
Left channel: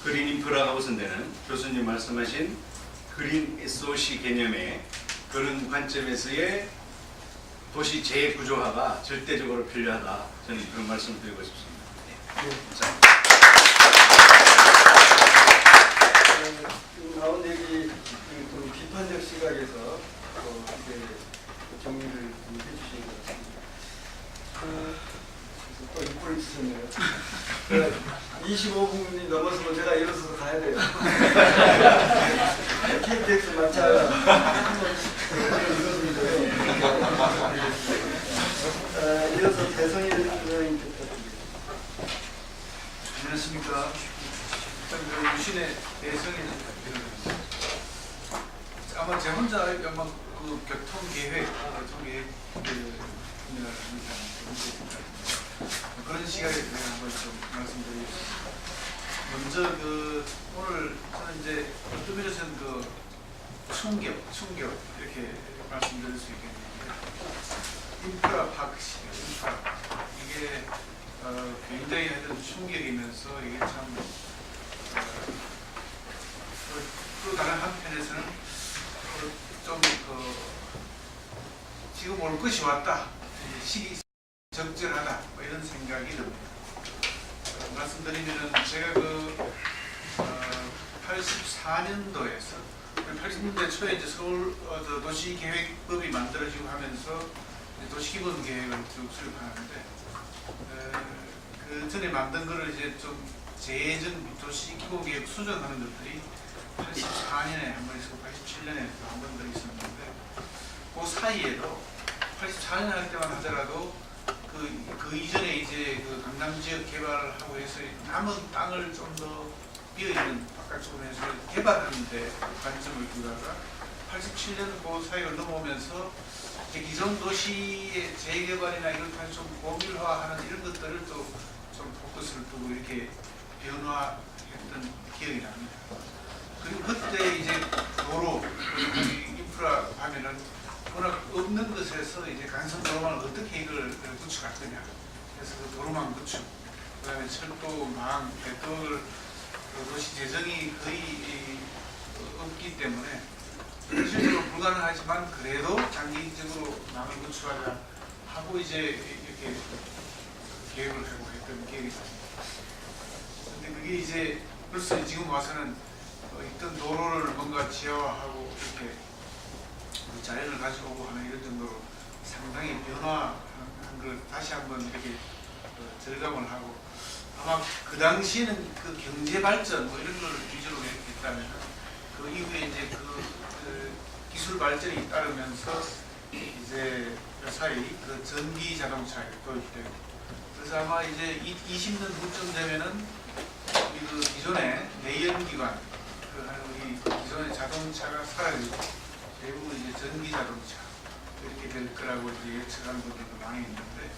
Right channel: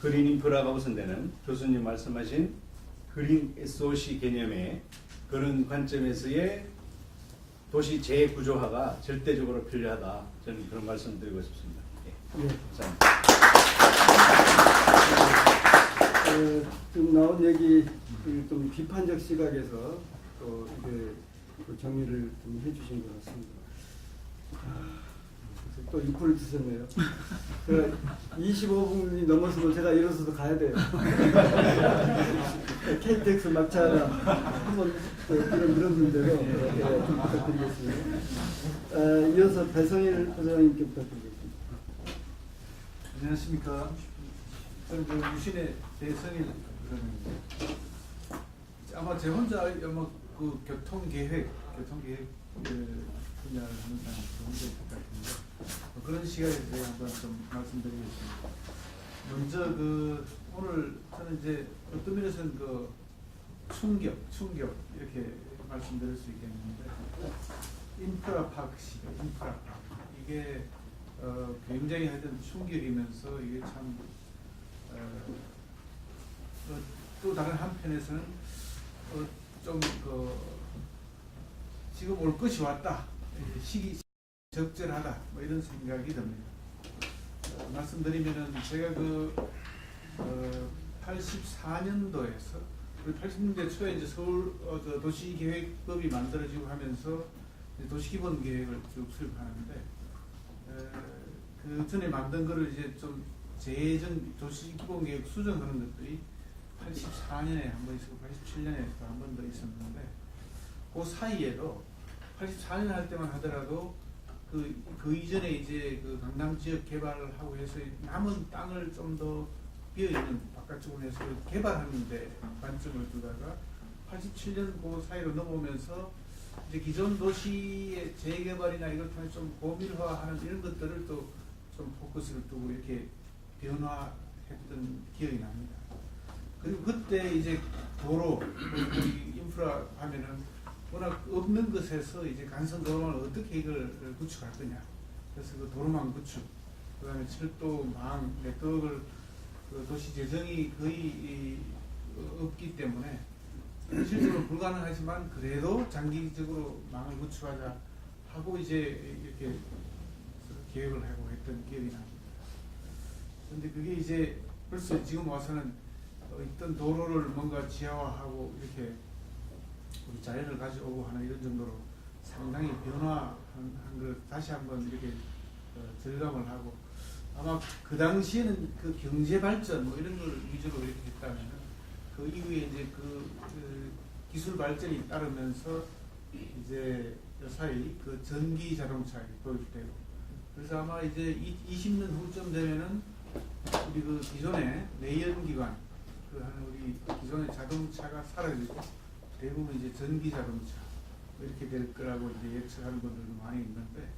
그린 인프라가 우선되는 교수님 말씀하신 그린 SOC 개념의 그런 관점에서의 도시 재구조화가 절대적으로 필요하다. 저는 그런 말씀을 드리고 싶습니다. 네. 지금 나온 얘기 좀 비판적 시각에서 정리를 좀 해주신 것 같습니다. 또 입꼬리 주셨네요. 25분이 넘어서 제가 일어서서 가야 돼요. KTX 마차가 이것인데요. 이어서 대성일 선생님께 부탁드립니다. 안녕하십니까. 일단 유신의 대성일 아마 제 혼자 아마 그 교통계획 분야를 하는 사람이 그런 시각에 대해 한번 좀 말씀드리겠습니다. 먼저 오늘 저는 이제 어떤 면에서는 충격 이렇게 말씀드릴 수 있겠는데, 인프라 파크 시대, 인프라 이게 굉장히 하여튼 충격이면서 이게 참 또 다른 한편에서는 좀 지금 올 것이 왔다, 시기 적절하다 이런 생각이 듭니다. 말씀드리면은 제가 84년도에서 우리 80년대 초에 이제 서울 도시계획법이 만들어지고 하면서 도시기본계획을 쭉 수립하는데 그 전에 만든 거를 이제 좀 재정 도시기본계획 수정하는 것들이 84년에 한 번 있었고 87년에 또 한 번 더 있었는데 그 사이에도 84년 할 때만 하더라도 그 이전에 이제 그 강남 지역 개발을 하고 해서 남은 땅을 좀 더 비어있는 바깥쪽으로 해서 개발하는데 관점을 두다가 87년 그 사이로 넘어오면서 이제 기존 도시의 재개발이나 이걸 좀 고밀화하는 이런 것들을 또 좀 포커스를 두고 이렇게 변화했던 기억이 납니다. 그리고 그때 이제 도로 인프라 하면은 워낙 없는 것에서 이제 간선 도로망을 어떻게 이걸 구축할 거냐. 그래서 그 도로망 구축, 그다음에 철도, 망, 네트워크를 도시 재정이 거의 없기 때문에 실제로 불가능하지만 그래도 장기적으로 망을 구축하자 하고 이제 이렇게 계획을 하고 했던 기억이 납니다. 근데 그게 이제 벌써 지금 와서는 있던 도로를 뭔가 지하화하고 이렇게 자연을 가져오고 하는 이런 정도로 상당히 변화한 걸 다시 한번 이렇게 절감을 하고 아마 그 당시에는 그 경제 발전 뭐 이런 걸 위주로 이렇게 했다면 그 이후에 이제 그 기술 발전이 따르면서 이제 사이 그 전기 자동차에 도입되고 그래서 아마 이제 20년 후쯤 되면은 우리 그 기존의 내연기관 우리 기존의 자동차가 사라지고 대부분 이제 전기 자동차 이렇게 될 거라고 이제 예측하는 분들도 많이 있는데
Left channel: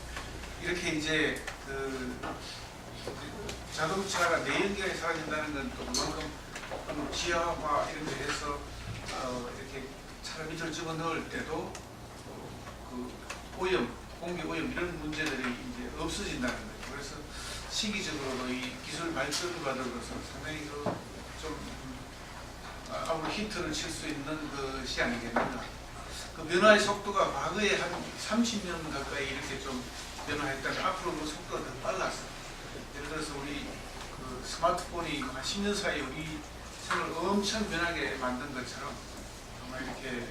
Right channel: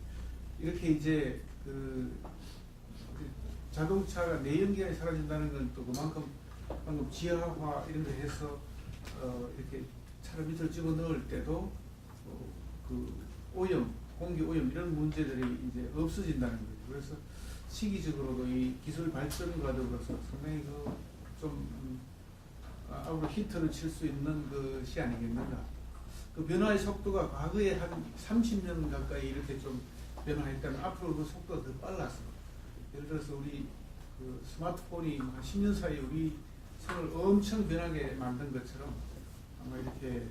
이렇게 이제 그 자동차가 내연기관이 사라진다는 건 또 그만큼 지하화 이런 데 해서 이렇게 차를 밑으로 집어 넣을 때도 그 오염, 공기 오염 이런 문제들이 이제 없어진다는 거죠. 그래서 시기적으로도 이 기술 발전과 더불어서 상당히 좀 앞으로 힌트를 칠 수 있는 것이 아니겠는가. 그 변화의 속도가 과거에 한 30년 가까이 이렇게 좀 변화했다면 앞으로 그 속도가 더 빨라서 예를 들어서 우리 그 스마트폰이 한 10년 사이에 우리 생을 엄청 변하게 만든 것처럼 아마 이렇게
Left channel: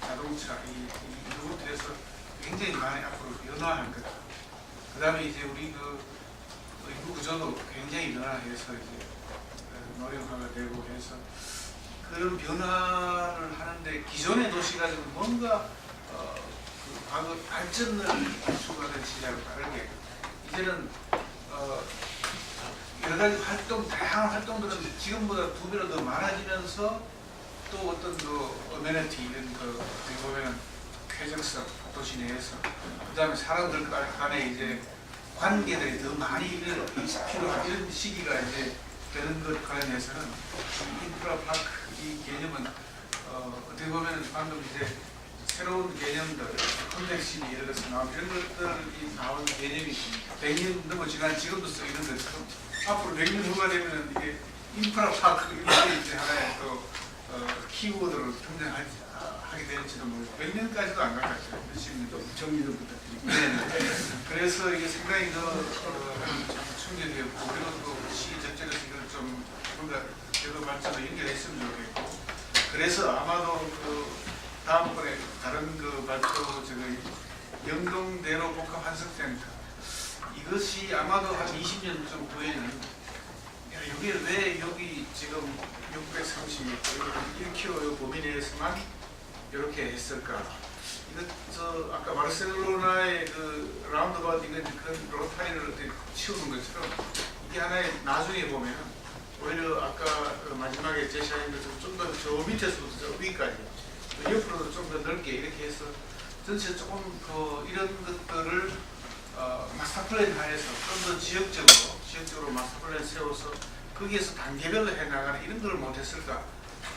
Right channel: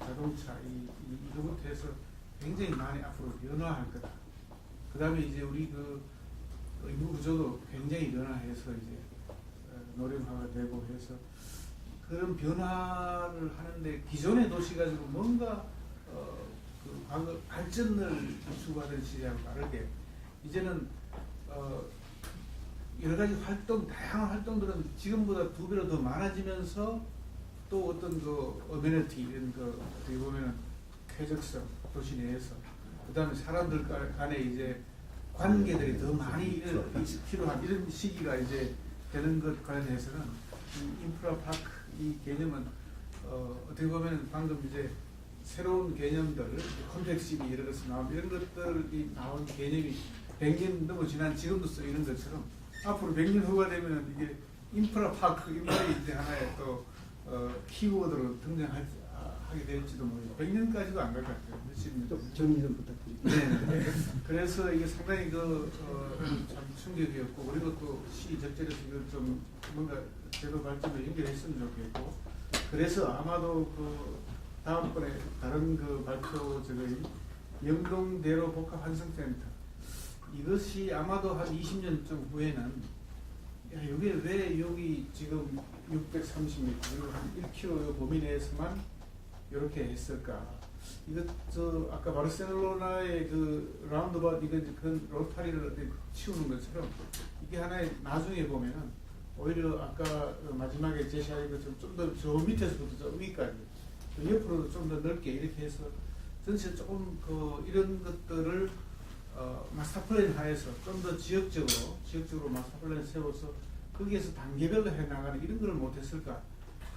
자동차 이거부터 해서 굉장히 많이 앞으로 변화할 거다. 그 다음에 이제 우리 그 인구 구조도 굉장히 변화해서 이제 노령화가 되고 해서 그런 변화를 하는데 기존의 도시가 지금 뭔가 그 과거 발전을 추구하던 시절과 다르게 이제는 여러 가지 활동, 다양한 활동들은 지금보다 2배로 더 많아지면서 또 어떤 그 어메니티 이런 그 어떻게 보면 쾌적성 도시 내에서 그 다음에 사람들 간에 이제 관계들이 더 많이 필요한 이런 시기가 이제 되는 것 관련해서는 이 인프라 파크 이 개념은 어떻게 보면 방금 이제 새로운 개념들 콘텍시비 예를 들어서 나온 이런 것들이 나온 개념이 100년 넘어 지난 지금도 쓰이는 것처럼 앞으로 100년 후가 되면 이게 인프라 파크 이게 이제 하나의 또 키워드로 등장하게 될지도 모르고 100년까지도 안 갈 것 같아요. 몇십 년 정리 좀 부탁드립니다. 네. 그래서 이게 상당히 참 충격이었고 그리고 또 시적절해서 이걸 좀 뭔가 제도 발전을 연결했으면 좋겠고 그래서 아마도 그 다음번에 다른 그 발표 영동대로 복합환승센터 이것이 아마도 한 20년쯤 후에는 여기 왜 여기 지금 630m 1km 범위 내에서만 이렇게 했을까? 이거 아까 바르셀로나의 그 라운드바웃 그 로타리를 치우는 것처럼 이게 하나의 나중에 보면 오히려 아까 마지막에 제시한 것처럼 좀 더 저 밑에서부터 저 위까지 옆으로도 좀 더 넓게 이렇게 해서 전체 조금 이런 것들을 마스터 플랜 하에서 좀 더 지역적으로 마스터 플랜 세워서 거기에서 단계별로 해나가는 이런 걸 못했을까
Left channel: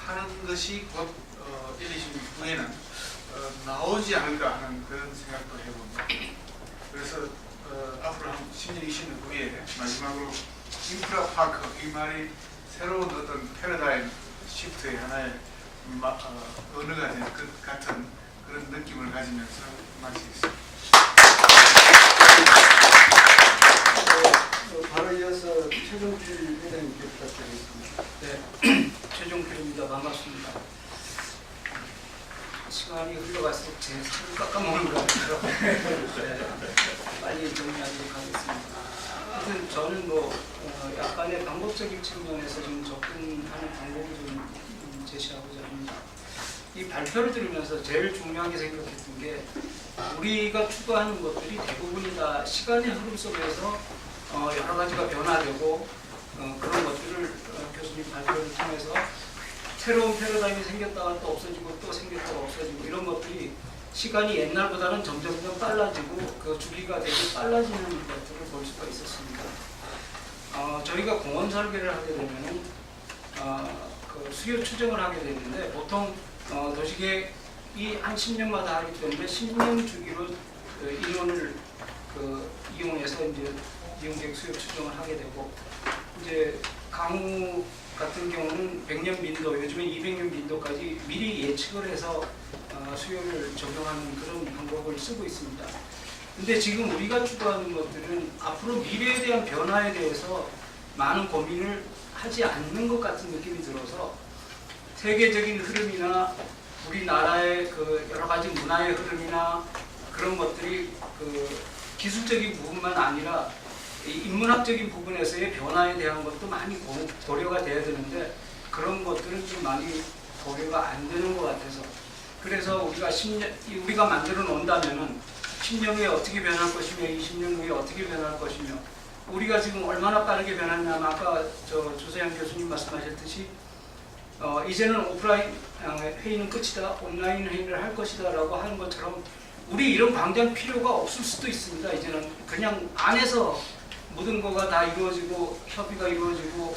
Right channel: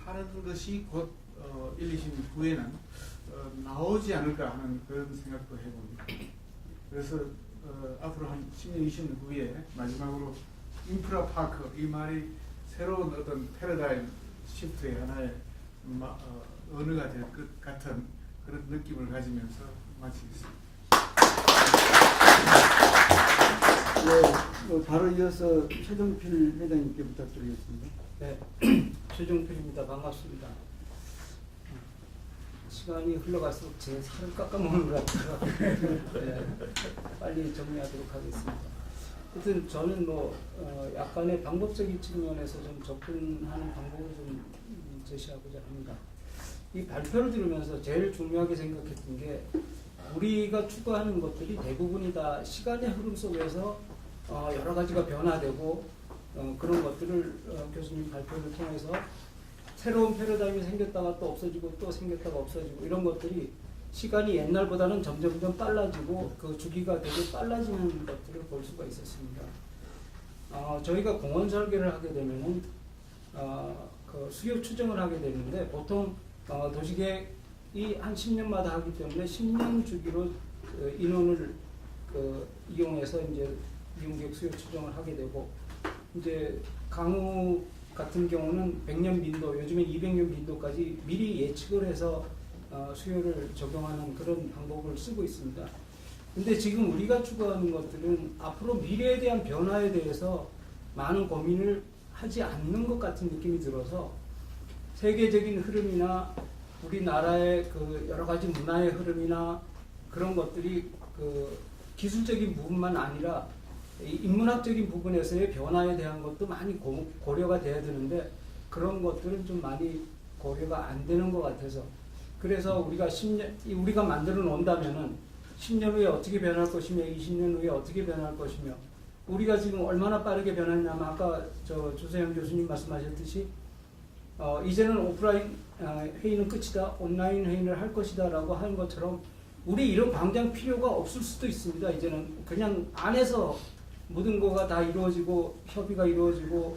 하는 것이 곧 1, 20년 후에는 나오지 않을까 하는 그런 생각도 해봅니다. 그래서 앞으로 한 10년, 20년 후에 마지막으로 인프라 파크 이 말이 새로운 어떤 패러다임 시프트의 하나의 언어가 될 것 같은 그런 느낌을 가지면서 마치겠습니다. 또 다른 최종필 회장님께 부탁드리겠습니다. 네, 최종필입니다. 반갑습니다. 시간이 흘러갈수록 제 살을 깎아먹는 것 같아서 빨리 정리하도록 하겠습니다. 하여튼 저는 약간의 방법적인 측면에서 좀 접근하는 방법을 좀 제시하고자 합니다. 이 발표를 들으면서 제일 중요하게 생각했던 게 우리가 추구하는 것들이 대부분이 다 시간의 흐름 속에서 여러 가지가 변화되고 그런 것들을 교수님 발표를 통해서 새로운 패러다임이 생겼다가 또 없어지고 또 생겼다가 없어지고 이런 것들이 시간이 옛날보다는 점점 빨라지고 그 주기가 되게 빨라지는 것들을 볼 수가 있었습니다. 저희가 공원 설계를 하게 되면 그 수요 추정을 하게 되는데 보통 도시계획이 한 10년마다 하기 때문에 10년 주기로 인원을 이용해서 이제 이용객 수요 추정을 하게 되고 이제 강우 같은 경우는 100년 빈도, 요즘에 200년 빈도까지 미리 예측을 해서 수요를 적용하는 그런 방법을 쓰고 있습니다. 근데 지금 우리가 추구하는 것들은 앞으로 미래에 대한 변화에 대해서 많은 고민을 하지 않는 것 같은 느낌이 들어서 세계적인 흐름이나 우리나라의 그 여러 가지 문화의 흐름이나 그런 것들이 그 기술적인 부분만 아니라 인문학적인 부분에서의 변화에 대한 것도 많이 고려가 돼야 되는데 그런 것들은 좀 많이 고려가 안 되는 것 같아서 그래서 우리가 만들어 놓는다면은 10년 후에 어떻게 변할 것이며 20년 후에 어떻게 변할 것이며 우리가 지금 얼마나 빠르게 변하냐면 아까 조세영 교수님 말씀하셨듯이 이제는 오프라인 회의는 끝이다 온라인 회의를 할 것이다 라고 하는 것처럼 우리 이런 광장 필요가 없을 수도 있습니다. 이제는 그냥 안에서 모든 거가 다 이루어지고 협의가 이루어지고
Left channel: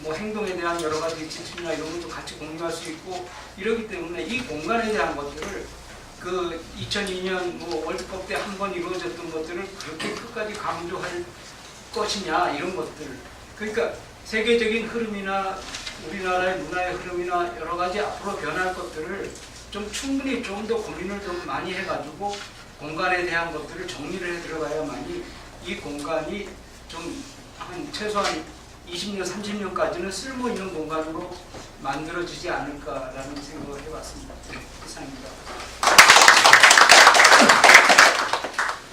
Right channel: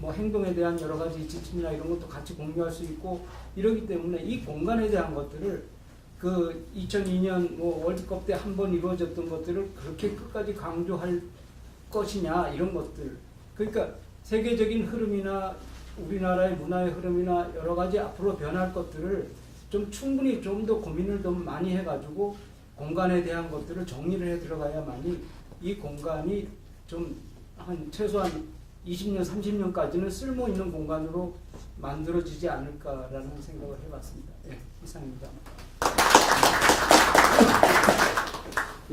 뭐 행동에 대한 여러 가지 지침이나 이런 것도 같이 공유할 수 있고 이러기 때문에 이 공간에 대한 것들을 그 2002년 뭐 월드컵 때 한 번 이루어졌던 것들을 그렇게 끝까지 강조할 것이냐 이런 것들 그러니까 세계적인 흐름이나 우리나라의 문화의 흐름이나 여러 가지 앞으로 변할 것들을 좀 충분히 좀 더 고민을 좀 많이 해가지고 공간에 대한 것들을 정리를 해 들어가야만이 이 공간이 좀 한 최소한 20년, 30년까지는 쓸모 있는 공간으로 만들어지지 않을까라는 생각을 해봤습니다. 네, 이상입니다.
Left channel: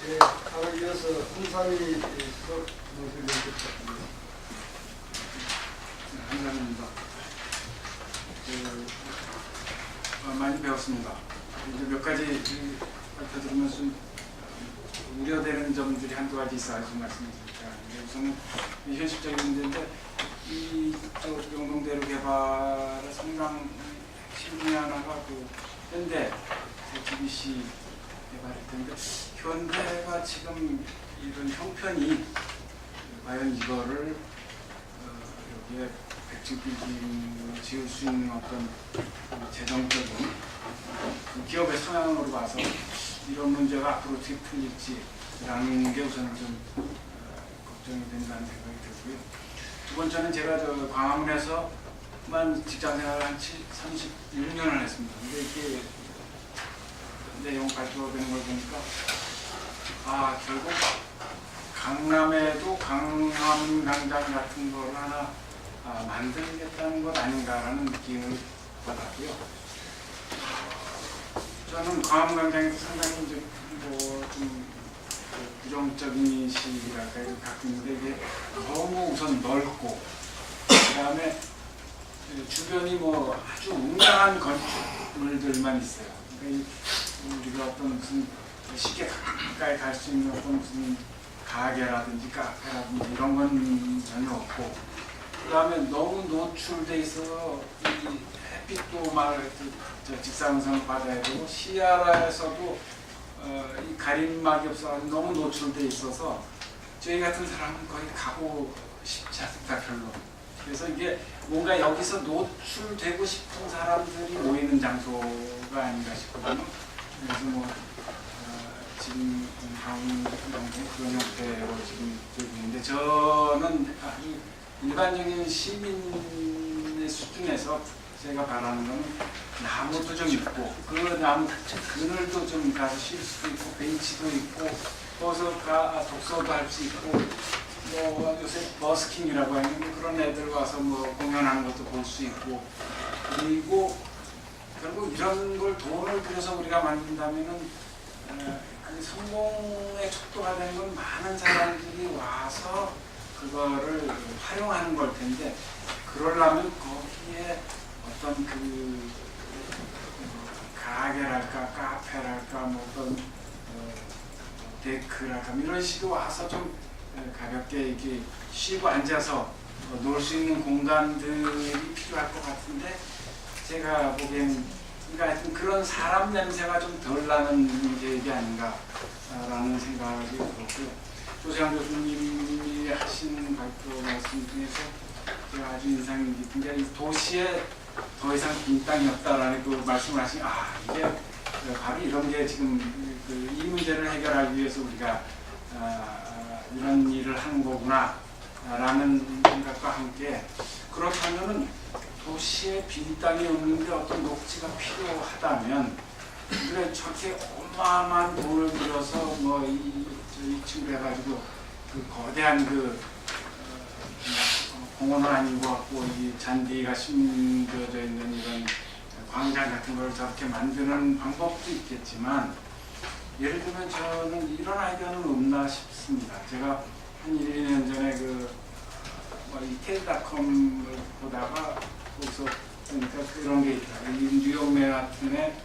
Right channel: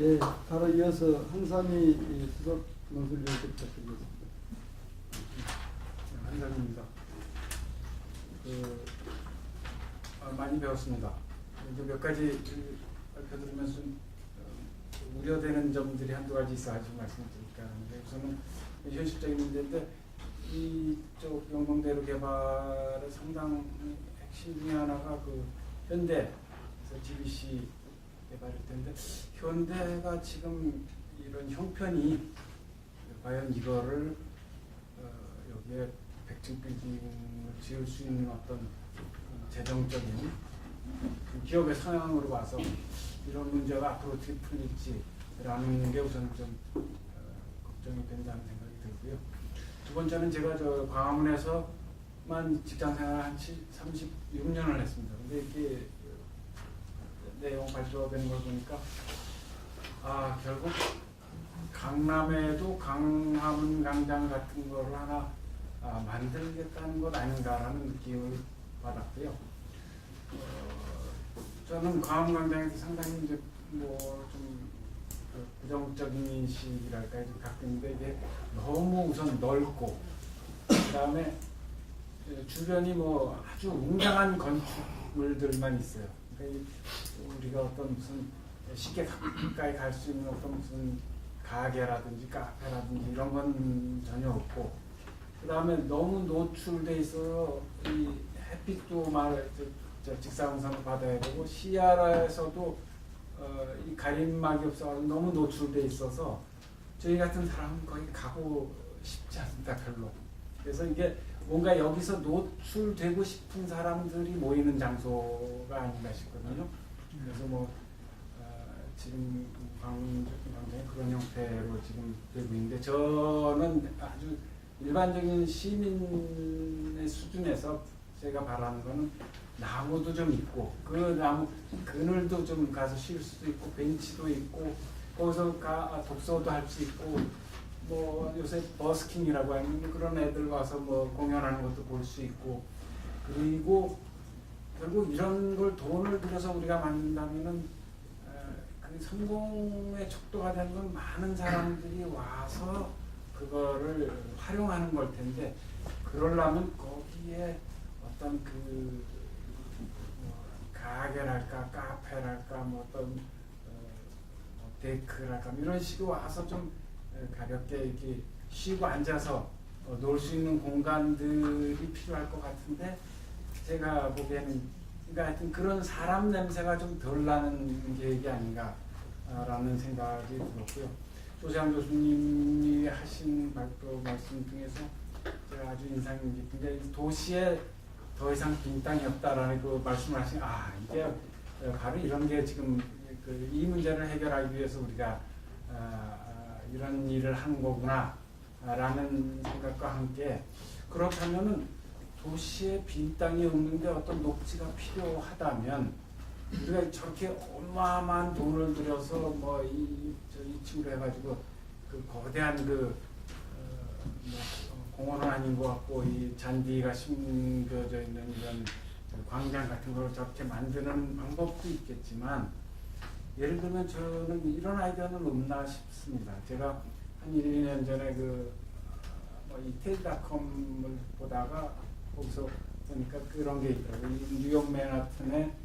예, 바로 이어서 홍삼이 수석 연구를 해주셨습니다. 감사합니다. 많이 배웠습니다. 이제 몇 가지 발표 들으면서 우려되는 점들이 한두 가지 있어가지고 말씀드릴까 하는데 우선은 현실적인 문제인데 이쪽 용동대로 개발의 상당 핵심 중에 하나가 그 현대 JTBC 개발이 되는데 현대가 지금 이런 형편이 과연 이거를 여기에 100층 빌딩을 지을 수 있는 어떤 재정적인 기업의 상황으로 와서 이런 문제가 앞으로 어떻게 풀릴지라는 게 우선 좀 걱정이 된다는 생각이 들고요. 두 번째는 제가 광화문에서만 직장생활을 한 36년을 했습니다. 근데 이게 내용 발표되는 걸 보니까 결국 강남에도 강화문 광장 같은 걸 하나 만들겠다는 것 아닌가라는 느낌을 받았고요. 저는 광화문 광장이 상당히 이제 좀 부정적인 인식이랄까 갖고 있는데 이게 너무 우선 넓고 그다음에 주변이 뭐 아주 웅장한 건축물들만 있어요. 그러니까 우리가 어떤 무슨 쉽게 가까이 갈 수 있는 어떤 무슨 가게라든지 카페라든지 이런 건 전혀 없고 그다음에 너무 노출돼 있어서 이 햇빛도 막 직사광선을 받아야 되고 시야에서도 이 가림막이 없어 너무 노출돼 있어서 저희 같은 사람은 거의 가고 싶지 않습니다 별로. 그래서 이게 뭔가 여기서 노출되고 싶은 사람들이 모이는 장소가 아닌가 싶거든요. 그래서 뭐 지금 강원 정도는 그런 형태로 지금 되고 있는데 저는 일반적인 시민의 수준에서 제가 바라는 건 나무도 좀 있고 그 나무 그늘도 좀 가서 쉴 수도 있고 벤치도 있고 거기서 독서도 할 수 있고 뭐 요새 버스킹이라고 하는 그런 애들 와서 뭐 공연하는 것도 볼 수 있고, 그리고 결국 이런 걸 돈을 들여서 우리가 만든다면은 그 성공의 척도가 되는 건 많은 사람들이 와서 그거를 활용하는 걸 텐데, 그러려면 거기에 어떤 그 가게랄까 카페랄까 뭐 어떤 데크랄까 이런 식으로 와서 좀 가볍게 이렇게 쉬고 앉아서 놀 수 있는 공간들이 필요할 것 같은데, 제가 보기에는 그러니까 하여튼 그런 사람 냄새가 좀 덜 나는 계획이 아닌가라는 생각이 들었고요. 조재환 교수님이 하신 발표 말씀 중에서 제가 아주 인상 깊은 게 이 도시에 더 이상 빈 땅이 없다라는 그 말씀을 하신, 이게 바로 이런 게 지금 이 문제를 해결하기 위해서 우리가 이런 일을 하는 거구나 라는 생각과 함께, 그렇다면은 도시에 빈 땅이 없는데 어떤 녹지가 필요하다면 우리가 저렇게 어마어마한 돈을 들여서 뭐 이 친구 해가지고 그 거대한 그 공원은 아닌 것 같고 이 잔디가 심겨져 있는 이런 광장 같은 걸 저렇게 만드는 방법도 있겠지만, 예를 들면 저는 이런 아이디어는 없나 싶습니다. 제가 한 1, 2년 전에 이태리닷컴을 보다가 거기서 보니까 그런 게 있더라고요. 뉴욕 맨하튼에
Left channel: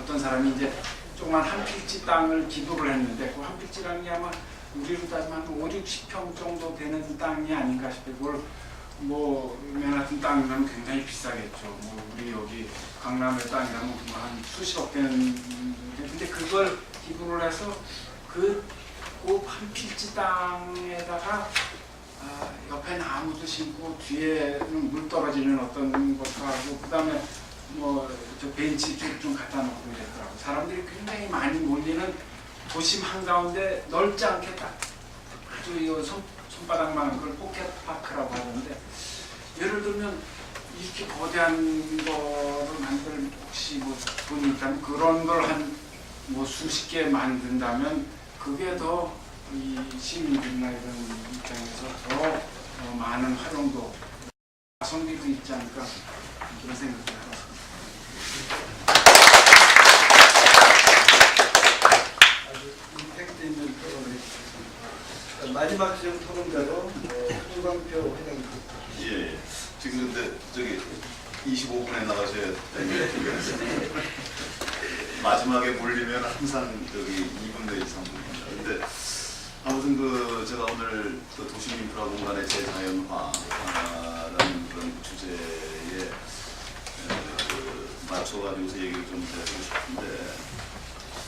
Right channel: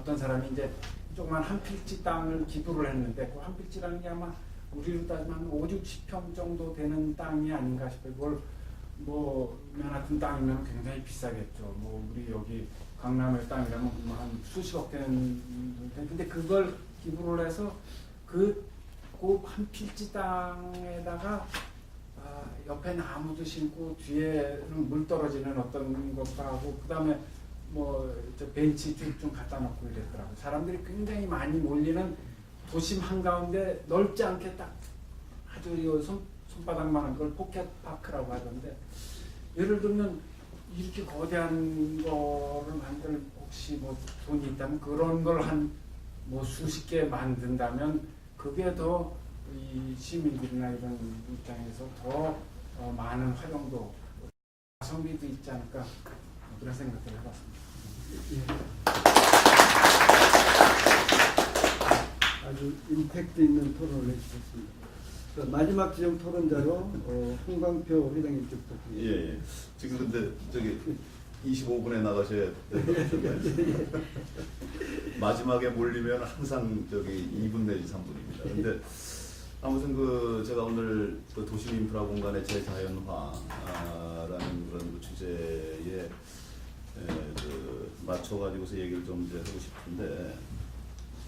어떤 사람이 이제 조그만 한 필지 땅을 기부를 했는데, 그 한 필지 땅이 아마 우리로 따지면 5, 60평 정도 되는 땅이 아닌가 싶어요. 그걸 뭐 맨하튼 땅이면 굉장히 비싸겠죠. 뭐 우리 여기 강남의 땅이라면 한 수십억 되는, 근데 그걸 기부를 해서 그 한 필지 땅에다가 옆에 나무도 심고 뒤에는 물 떨어지는 어떤 것도 하고, 그 다음에 뭐 저 벤치 좀 갖다 놓고 이랬더라고요. 사람들이 굉장히 많이 몰리는 도심 한가운데 넓지 않게 딱 아주 손바닥만한 걸 포켓파크라고 하는데, 예를 들면 이렇게 거대한 거를 만들 혹시 뭐 돈이 있다면 그런 걸 한 뭐 수십 개 만든다면 그게 더 이 시민들이나 이런 입장에서 더 많은 활용도 가성비도 있지 않을까 그런 생각을 해봤습니다. 아주 임팩트 있는 토론을 해주셨습니다. 마지막 지금 토론자로 홍광표 회장님. 예. 지금 근데 저기 25분에 나가셔야 되는데 마지막에 몰리면 항상 저기 2분 내지 3분입니다. 근데 아무튼 제가 오늘 그 도시인프라 공간의 재자연화라는 그런 주제에 맞춰가지고서 얘기를 좀 드리고 싶은데,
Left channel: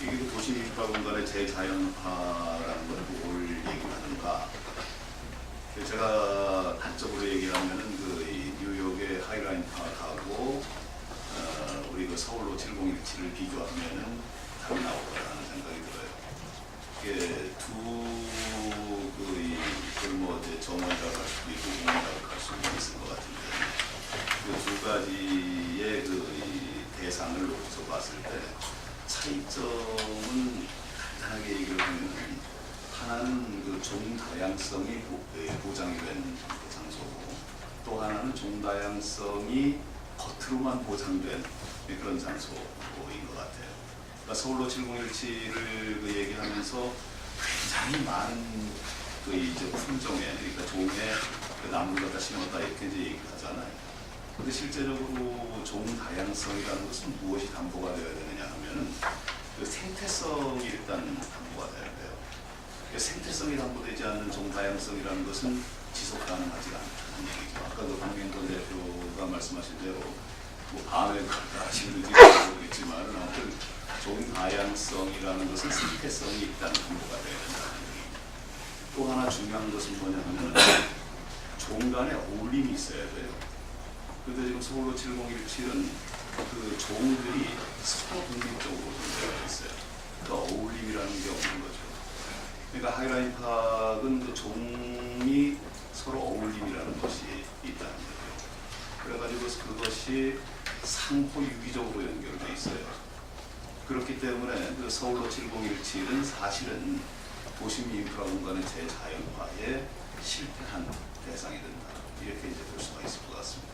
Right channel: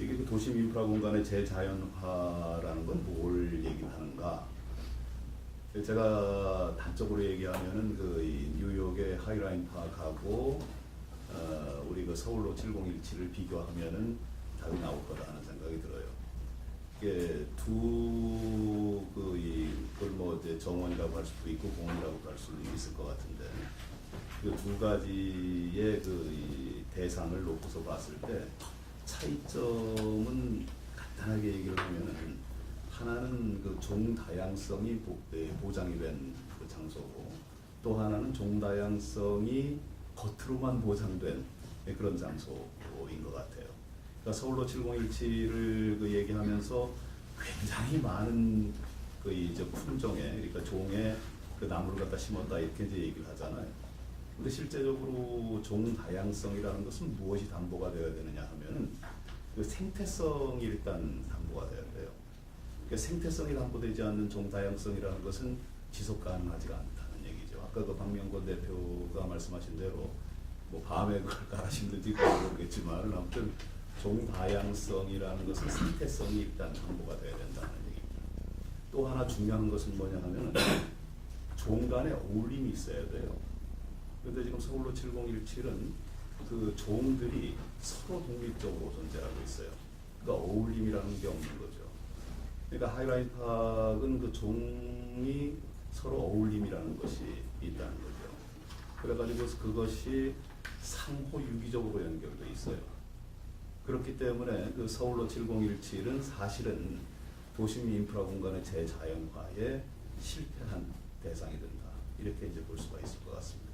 이게 도시인프라 공간의 재자연화라는 걸 뭘 얘기하는가? 제가 단적으로 얘기하면은 이 뉴욕의 하이라인 파크하고 우리 그 서울로 7017을 비교하면은 답이 나올 거라는 생각이 들어요. 이게 뭐 이제 정원이라고 할 수도 있고 공원이라고 할 수도 있을 것 같은데, 그 두 가지의 이 대상을 놓고서 봤을 때 차이점은 간단하게 얘기를 하면, 하나는 그 종다양성이 보장이 된 장소고, 또 하나는 종다양성이 겉으로만 보장된 그런 장소인 것 같아요. 그러니까 서울로 7017을 얘기하면서 굉장히 많은 이제 품종의, 그러니까 종의 나무를 갖다 심었다 이렇게 이제 얘기를 하잖아요. 근데 실제적으로 종다양성이라는 것은 무엇이 담보가 되어야 되느냐 하면은 그 생태성이 일단 담보가 돼야 돼요. 생태성이 담보되지 않는 종다양성이라는 것은 지속 가능하지 않다는 얘기죠. 아까 그 박명건 대표가 말씀하신 대로 뭐 밤에 갔다 하시는지 모르겠지만, 아무튼 종다양성이라는 것은 생태성이 일단 담보가 되어야 된다는 얘기입니다. 또 하나 중요한 것은 뭐냐면 종 간의 어울림이 있어야 돼요. 그런데 지금 서울로 7017은 그 종들이 서로 독립적으로 존재하고 있어요. 그러니까 어울림이라는 게 없는 거죠. 그러니까 하이라인 파크는 그 종이 서로 어울림이라는 것이 있다는 거죠. 그래가지고 그것이 상호 유기적으로 연결돼 있어요. 그렇기 때문에 그 서울로 7017은 사실은 도심 인프라 공간의 재자연화에 실패한 대상이 된다. 이렇게 이제 볼 수가 있을 것 같습니다.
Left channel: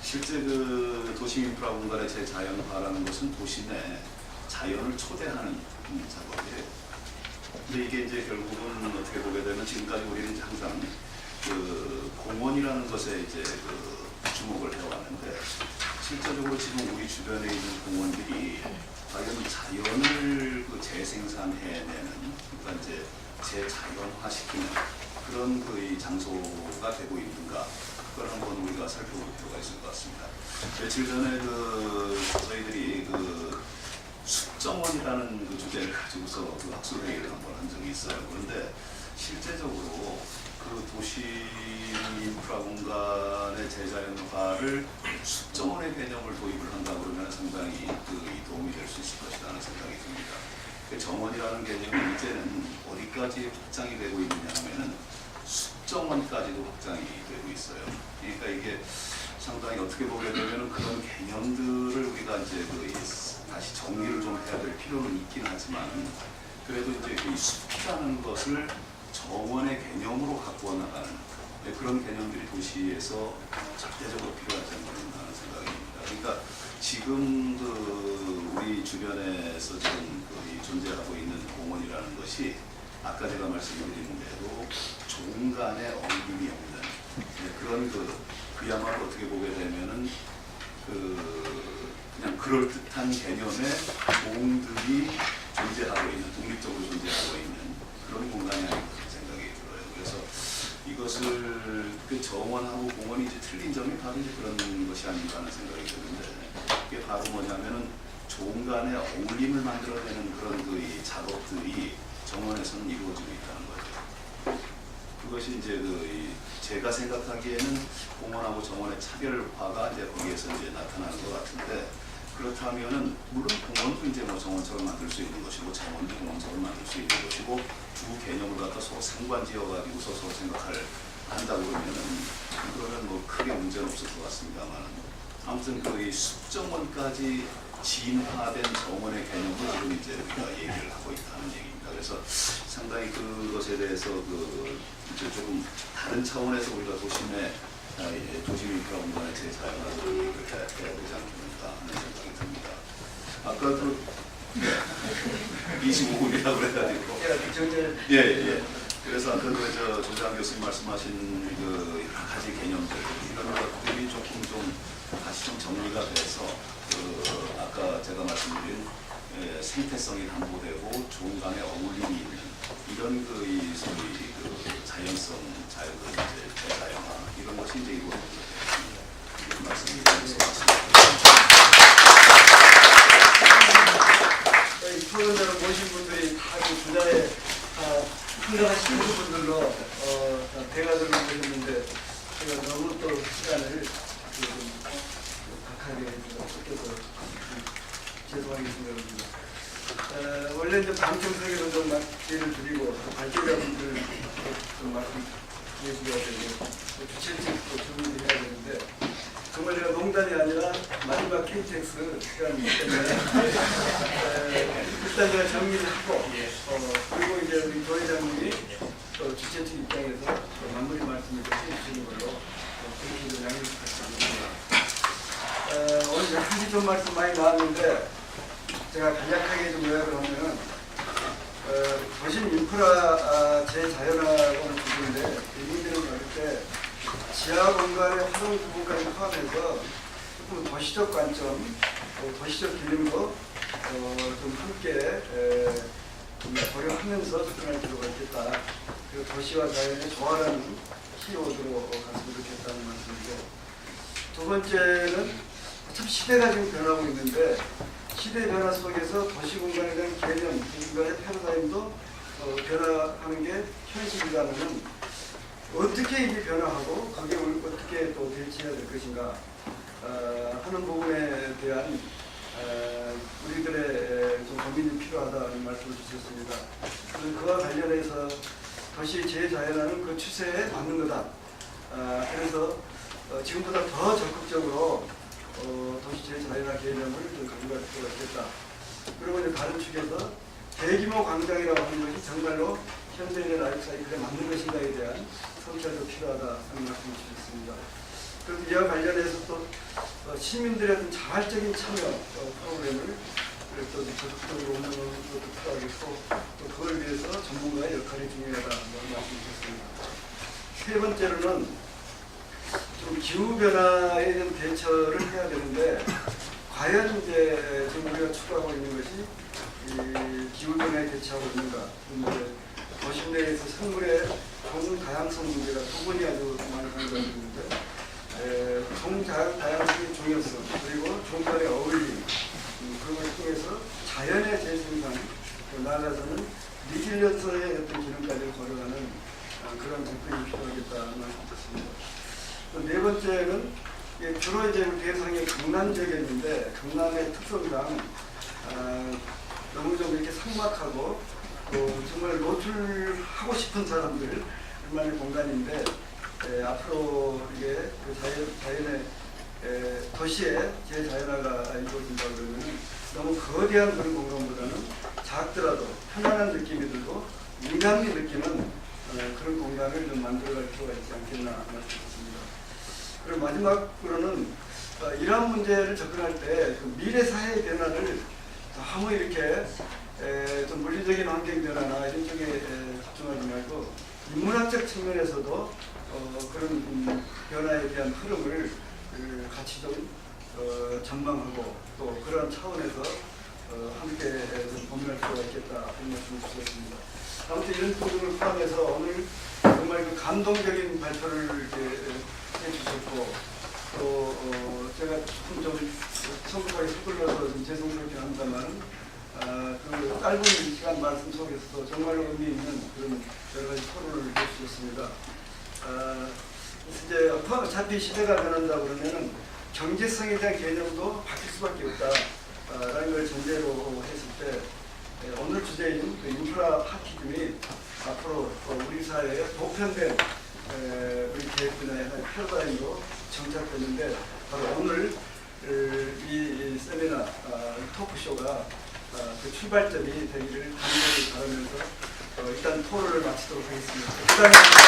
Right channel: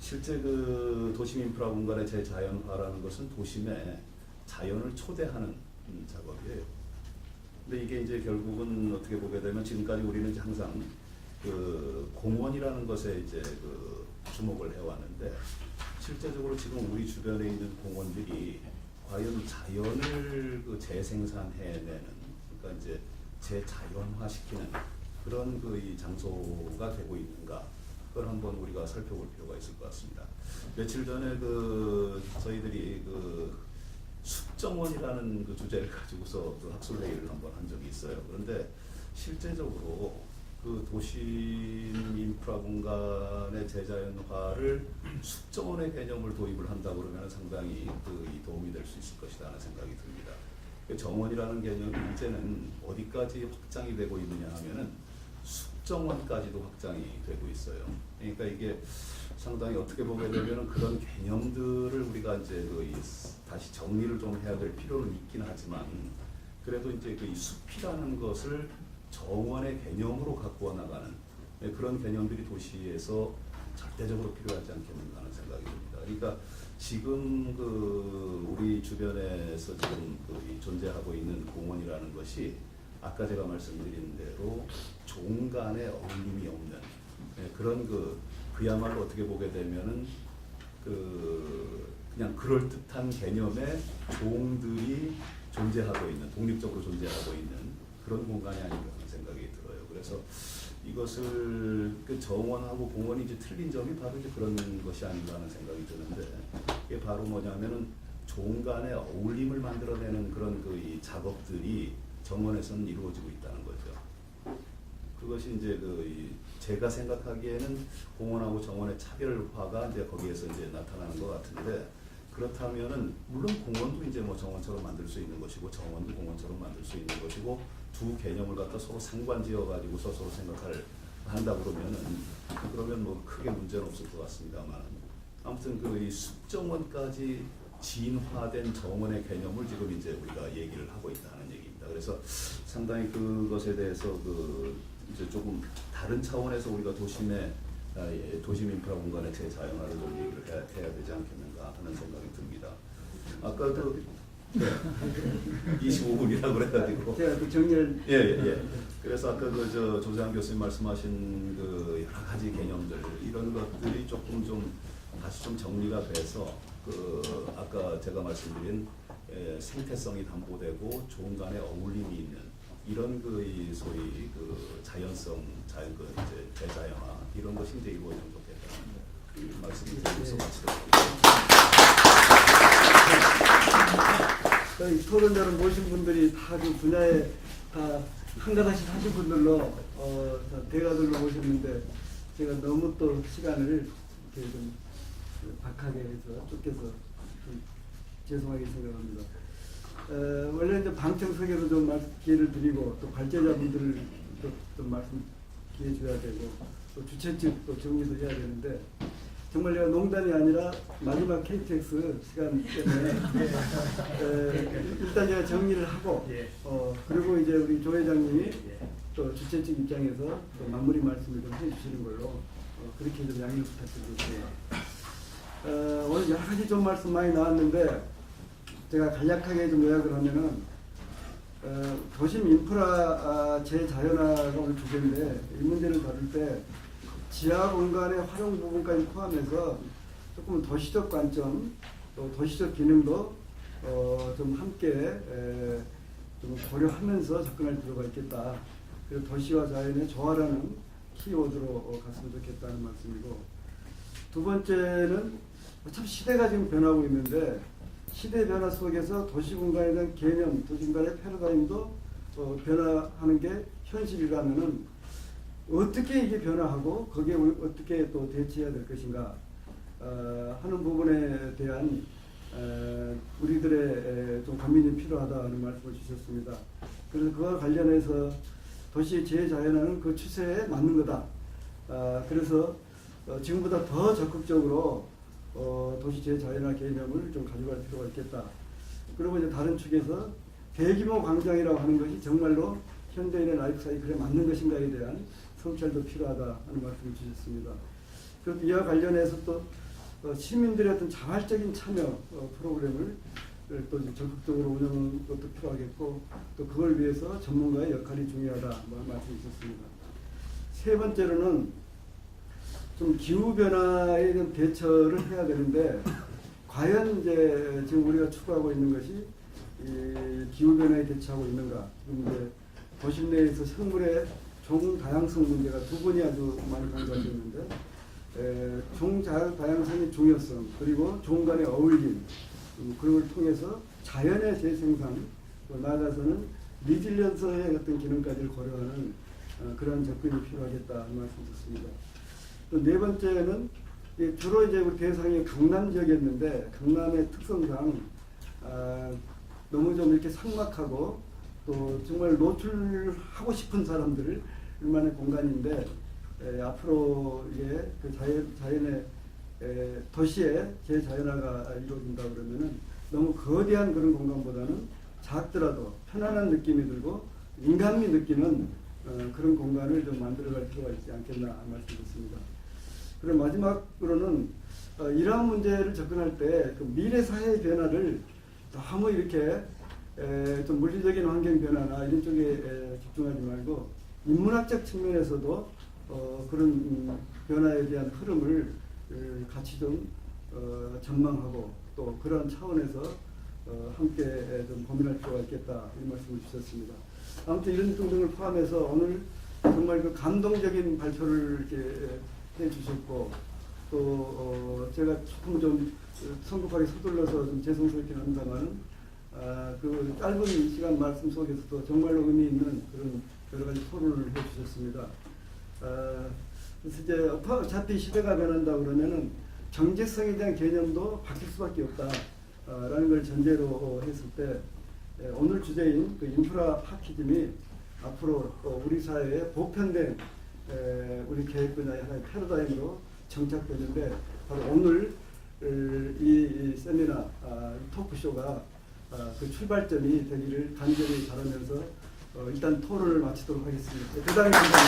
실제 그 도심 인프라 공간의 재자연화라는 것은 도심에 자연을 초대하는 작업이에요. 근데 이게 이제 결국은 어떻게 보게 되면 지금까지 우리는 이제 항상 그 공원이라는 것에 이제 그 주목을 해왔는데 실제적으로 지금 우리 주변에 있는 공원들이 과연 자연을 그 재생산해내는 그러니까 이제 재자연화시키는 그런 그 이 장소가 되고 있는가 그걸 한번 우리가 살펴볼 필요가 있을 것 같습니다. 며칠 전에 그 저희들이 그 숲정원이라는 그 주제를 가지고서 그 학술회의를 한번 한 적이 있어요. 그런데 실제적으로 그 도시 인프라 공간의 재자연화를 숲정원의 개념을 도입을 한다 그러면 상당히 그 도움이 될 수 있을 것이라는 생각이 듭니다. 그 정원이라는 개념이 이제는 어디까지 확장이 되고 있느냐 하면은 숲정원까지도 확장이 되고 있어요. 그러니까 이게 상당히 어떻게 보게 되면 그런 개념들을 우리가 이제 그 다시 정리를 좀 해야 될 필요는 있긴 하지만 그래도 이제 그 숲이라는 것을 정원의 개념으로 갖고 나가는 그런 개념들이 도시에서 절대적으로 필요하지 않겠는가 하는 생각입니다. 그러니까 지금 그 우리 주변에서 지금 그 존재하고 있는 공원이라는 것이 아까 제가 말씀드린 대로 종간에 어울림이 없는 그런 그야말로 어떻게 보게 되면은 그냥 그럴듯한 개념의 공들이 존재하고 있는 독립적으로 존재하고 있는 그런 공간이 아닌가 생각이 들어요. 그래서 이것을 그 정원하고 공원이 이제 틀린 점이 바로 이제 그런 것이 아닌가 하는 생각이 드는데 이게 바로 뭐냐면은 종간의 어울림을 만들어내는 그런 이 작업들이 정원에서는 이루어지고 있다는 거죠. 그것이 이제 제가 생각하기에는 공원하고 정원의 차별화가 이제 거기에서 이제 나타나는 것 같은데 그렇다면은 물론 공원도 이제 뭐 정원처럼 만들 수 있는 것이고 정원도 공원처럼 만들 수 있는 것이고 두 개념을 갖다 서로 상관지어가지고 서로 생각을 한다고 그러면 뭐 크게 문제는 없을 것 같습니다만 아무튼 이 숲정원까지 진화된 정원의 개념을 지금 이제 우리가 얘기를 하고 있다는 얘기입니다. 그래서 상당히 그것에 대해서 이제 조금 다른 차원에서 우리가 도심 인프라 공간의 재사용하는 얘기를 해야 되지 않겠는가 하는 생각이 듭니다. 아까도 25분이라고 그래가지고 예. 그래서 아까 조장 교수님 말씀하신 여러 가지 개념들 이런 것들이 조금 좀 다시 좀 정리가 돼서 아까 제가 말씀드린 생태성이 담보되고 종간의 어울림이 있는 이런 소위 자연성, 재자연화 이런 것이 이제 이루어져야 말씀드리겠습니다. 이 토론자를 모신 분들이 다 그 분야에 상당하신 분들로 다 대화들로 오셨는데 제가 너무 또 시간을 좀 박하게 해서 쫓겨서 죄송하게 생각합니다. 원래 이제 방청석에도 좀 기회를 드리고 또 발제자분들을 또 말씀 드려줘야 되고 또 주최직 또 정리를 해야 되는데 정말 제가 농담이 아니라 마지막 KTX 시간 때문에 일단 제가 정리를 하고 그리고 이제 우리 조 회장님이 또 주최측 입장에서 마무리 말씀을 좀 해주시는 걸로 그렇게 좀 양해 부탁드립니다. 오늘 여러 가지 좀 말씀 많이 나왔는데 제가 간략하게 좀 요약을 하면은 도심 인프라 재자연화라는 주제인데 이 문제를 다룰 때 지하 공간의 활용 부분까지 포함해서 조금 도시적 관점, 도시적 기능도 좀 함께 좀 고려하면서 접근할 필요가 있겠다. 그리고 도시와 자연의 조화라는 키워드로 갔으면 좋겠다는 말씀이고 두 번째는 참 시대가 지금 변하고 있는데 시대 변화 속에서 도시 공간에 대한 개념, 공간의 패러다임도 변화하는 게 현실이라면은 어떻게 이게 변화하고 거기에 어떻게 또 대처해야 될 것인가 하는 부분에 대한 우리들의 좀 고민이 필요하다는 말씀을 주셨습니다. 그래서 그와 관련해서 도시 재자연화는 그 추세에 맞는 거다. 그래서 지금보다 더 적극적으로 도시 재자연화 개념을 좀 강조할 필요가 있겠다. 그리고 이제 다른 축에서 대규모 광장이라고 하는 것이 정말로 현대인의 라이프 사이클에 맞는 것인가에 대한 성찰도 필요하다는 말씀을 드렸습니다. 그래서 이와 관련해서 또 시민들의 어떤 자발적인 참여 프로그램을 또 적극적으로 운영하는 것도 필요하겠고 또 그걸 위해서 전문가의 역할이 중요하다는 말씀드렸습니다. 세 번째로는 좀 기후 변화에 대한 대처를 해야 되는데 과연 이제 지금 우리가 추구하고 있는 것이 이 기후 변화에 대처하고 있는가? 도심 내에서 생물의 종 다양성 문제가 두 번이 아주 많이 강조되고 있는데 종 다양성의 중요성 그리고 종 간의 어울림 그걸 통해서 자연의 재생산 나아가서는 리질리언스의 어떤 기능까지 고려하는 그런 접근이 필요하겠다는 말씀드렸습니다. 또 네 번째는 주로 이제 우리 대상이 강남 지역이었는데 강남의 특성상 너무 좀 이렇게 삭막하고 또 정말 노출하고 싶은 사람들만의 공간인데 앞으로 이게 자연의 도시의 재자연화가 이루어진다 그러면 너무 거대한 그런 공간보다는 작더라도 편안한 느낌이 들고 인간미 느끼는 그런 공간을 좀 만들어갈 필요가 있지 않겠나 말씀드렸습니다. 그리고 마지막으로는 이러한 문제를 접근할 때 그 미래 사회의 변화를 너무 이렇게 좀 물리적인 환경 변화나 이런 쪽에 집중하지 말고 인문학적 측면에서도 그런 변화에 대한 흐름을 같이 좀 전망하고 또 그런 차원에서 함께 좀 고민할 필요가 있겠다 이런 말씀을 주셨습니다. 아무튼 이런 부분을 포함해서 오늘 정말 그 감동적인 발표를 해주셨고 또 제가 조금 좀 성급하게 서둘러서 좀 죄송스럽긴 합니다만 그 짧은 시간 말씀 속에서도 정말로 의미 있는 그런 여러 가지 토론을 해주셨습니다. 이제 어차피 시대가 변한다고 그러면은 경제성에 대한 개념도 바뀔 수밖에 없다라는 걸 전제로 했을 때 오늘 주제인 그 인프라 파키즘이 앞으로 우리 사회에 보편된 우리 계획 분야의 하나의 패러다임으로 정착됐는데 바로 오늘 이 세미나 토크쇼가 그 출발점이 되기를 간절히 바라면서 일단 토론을 마치도록 하겠습니다. 기다리겠습니다.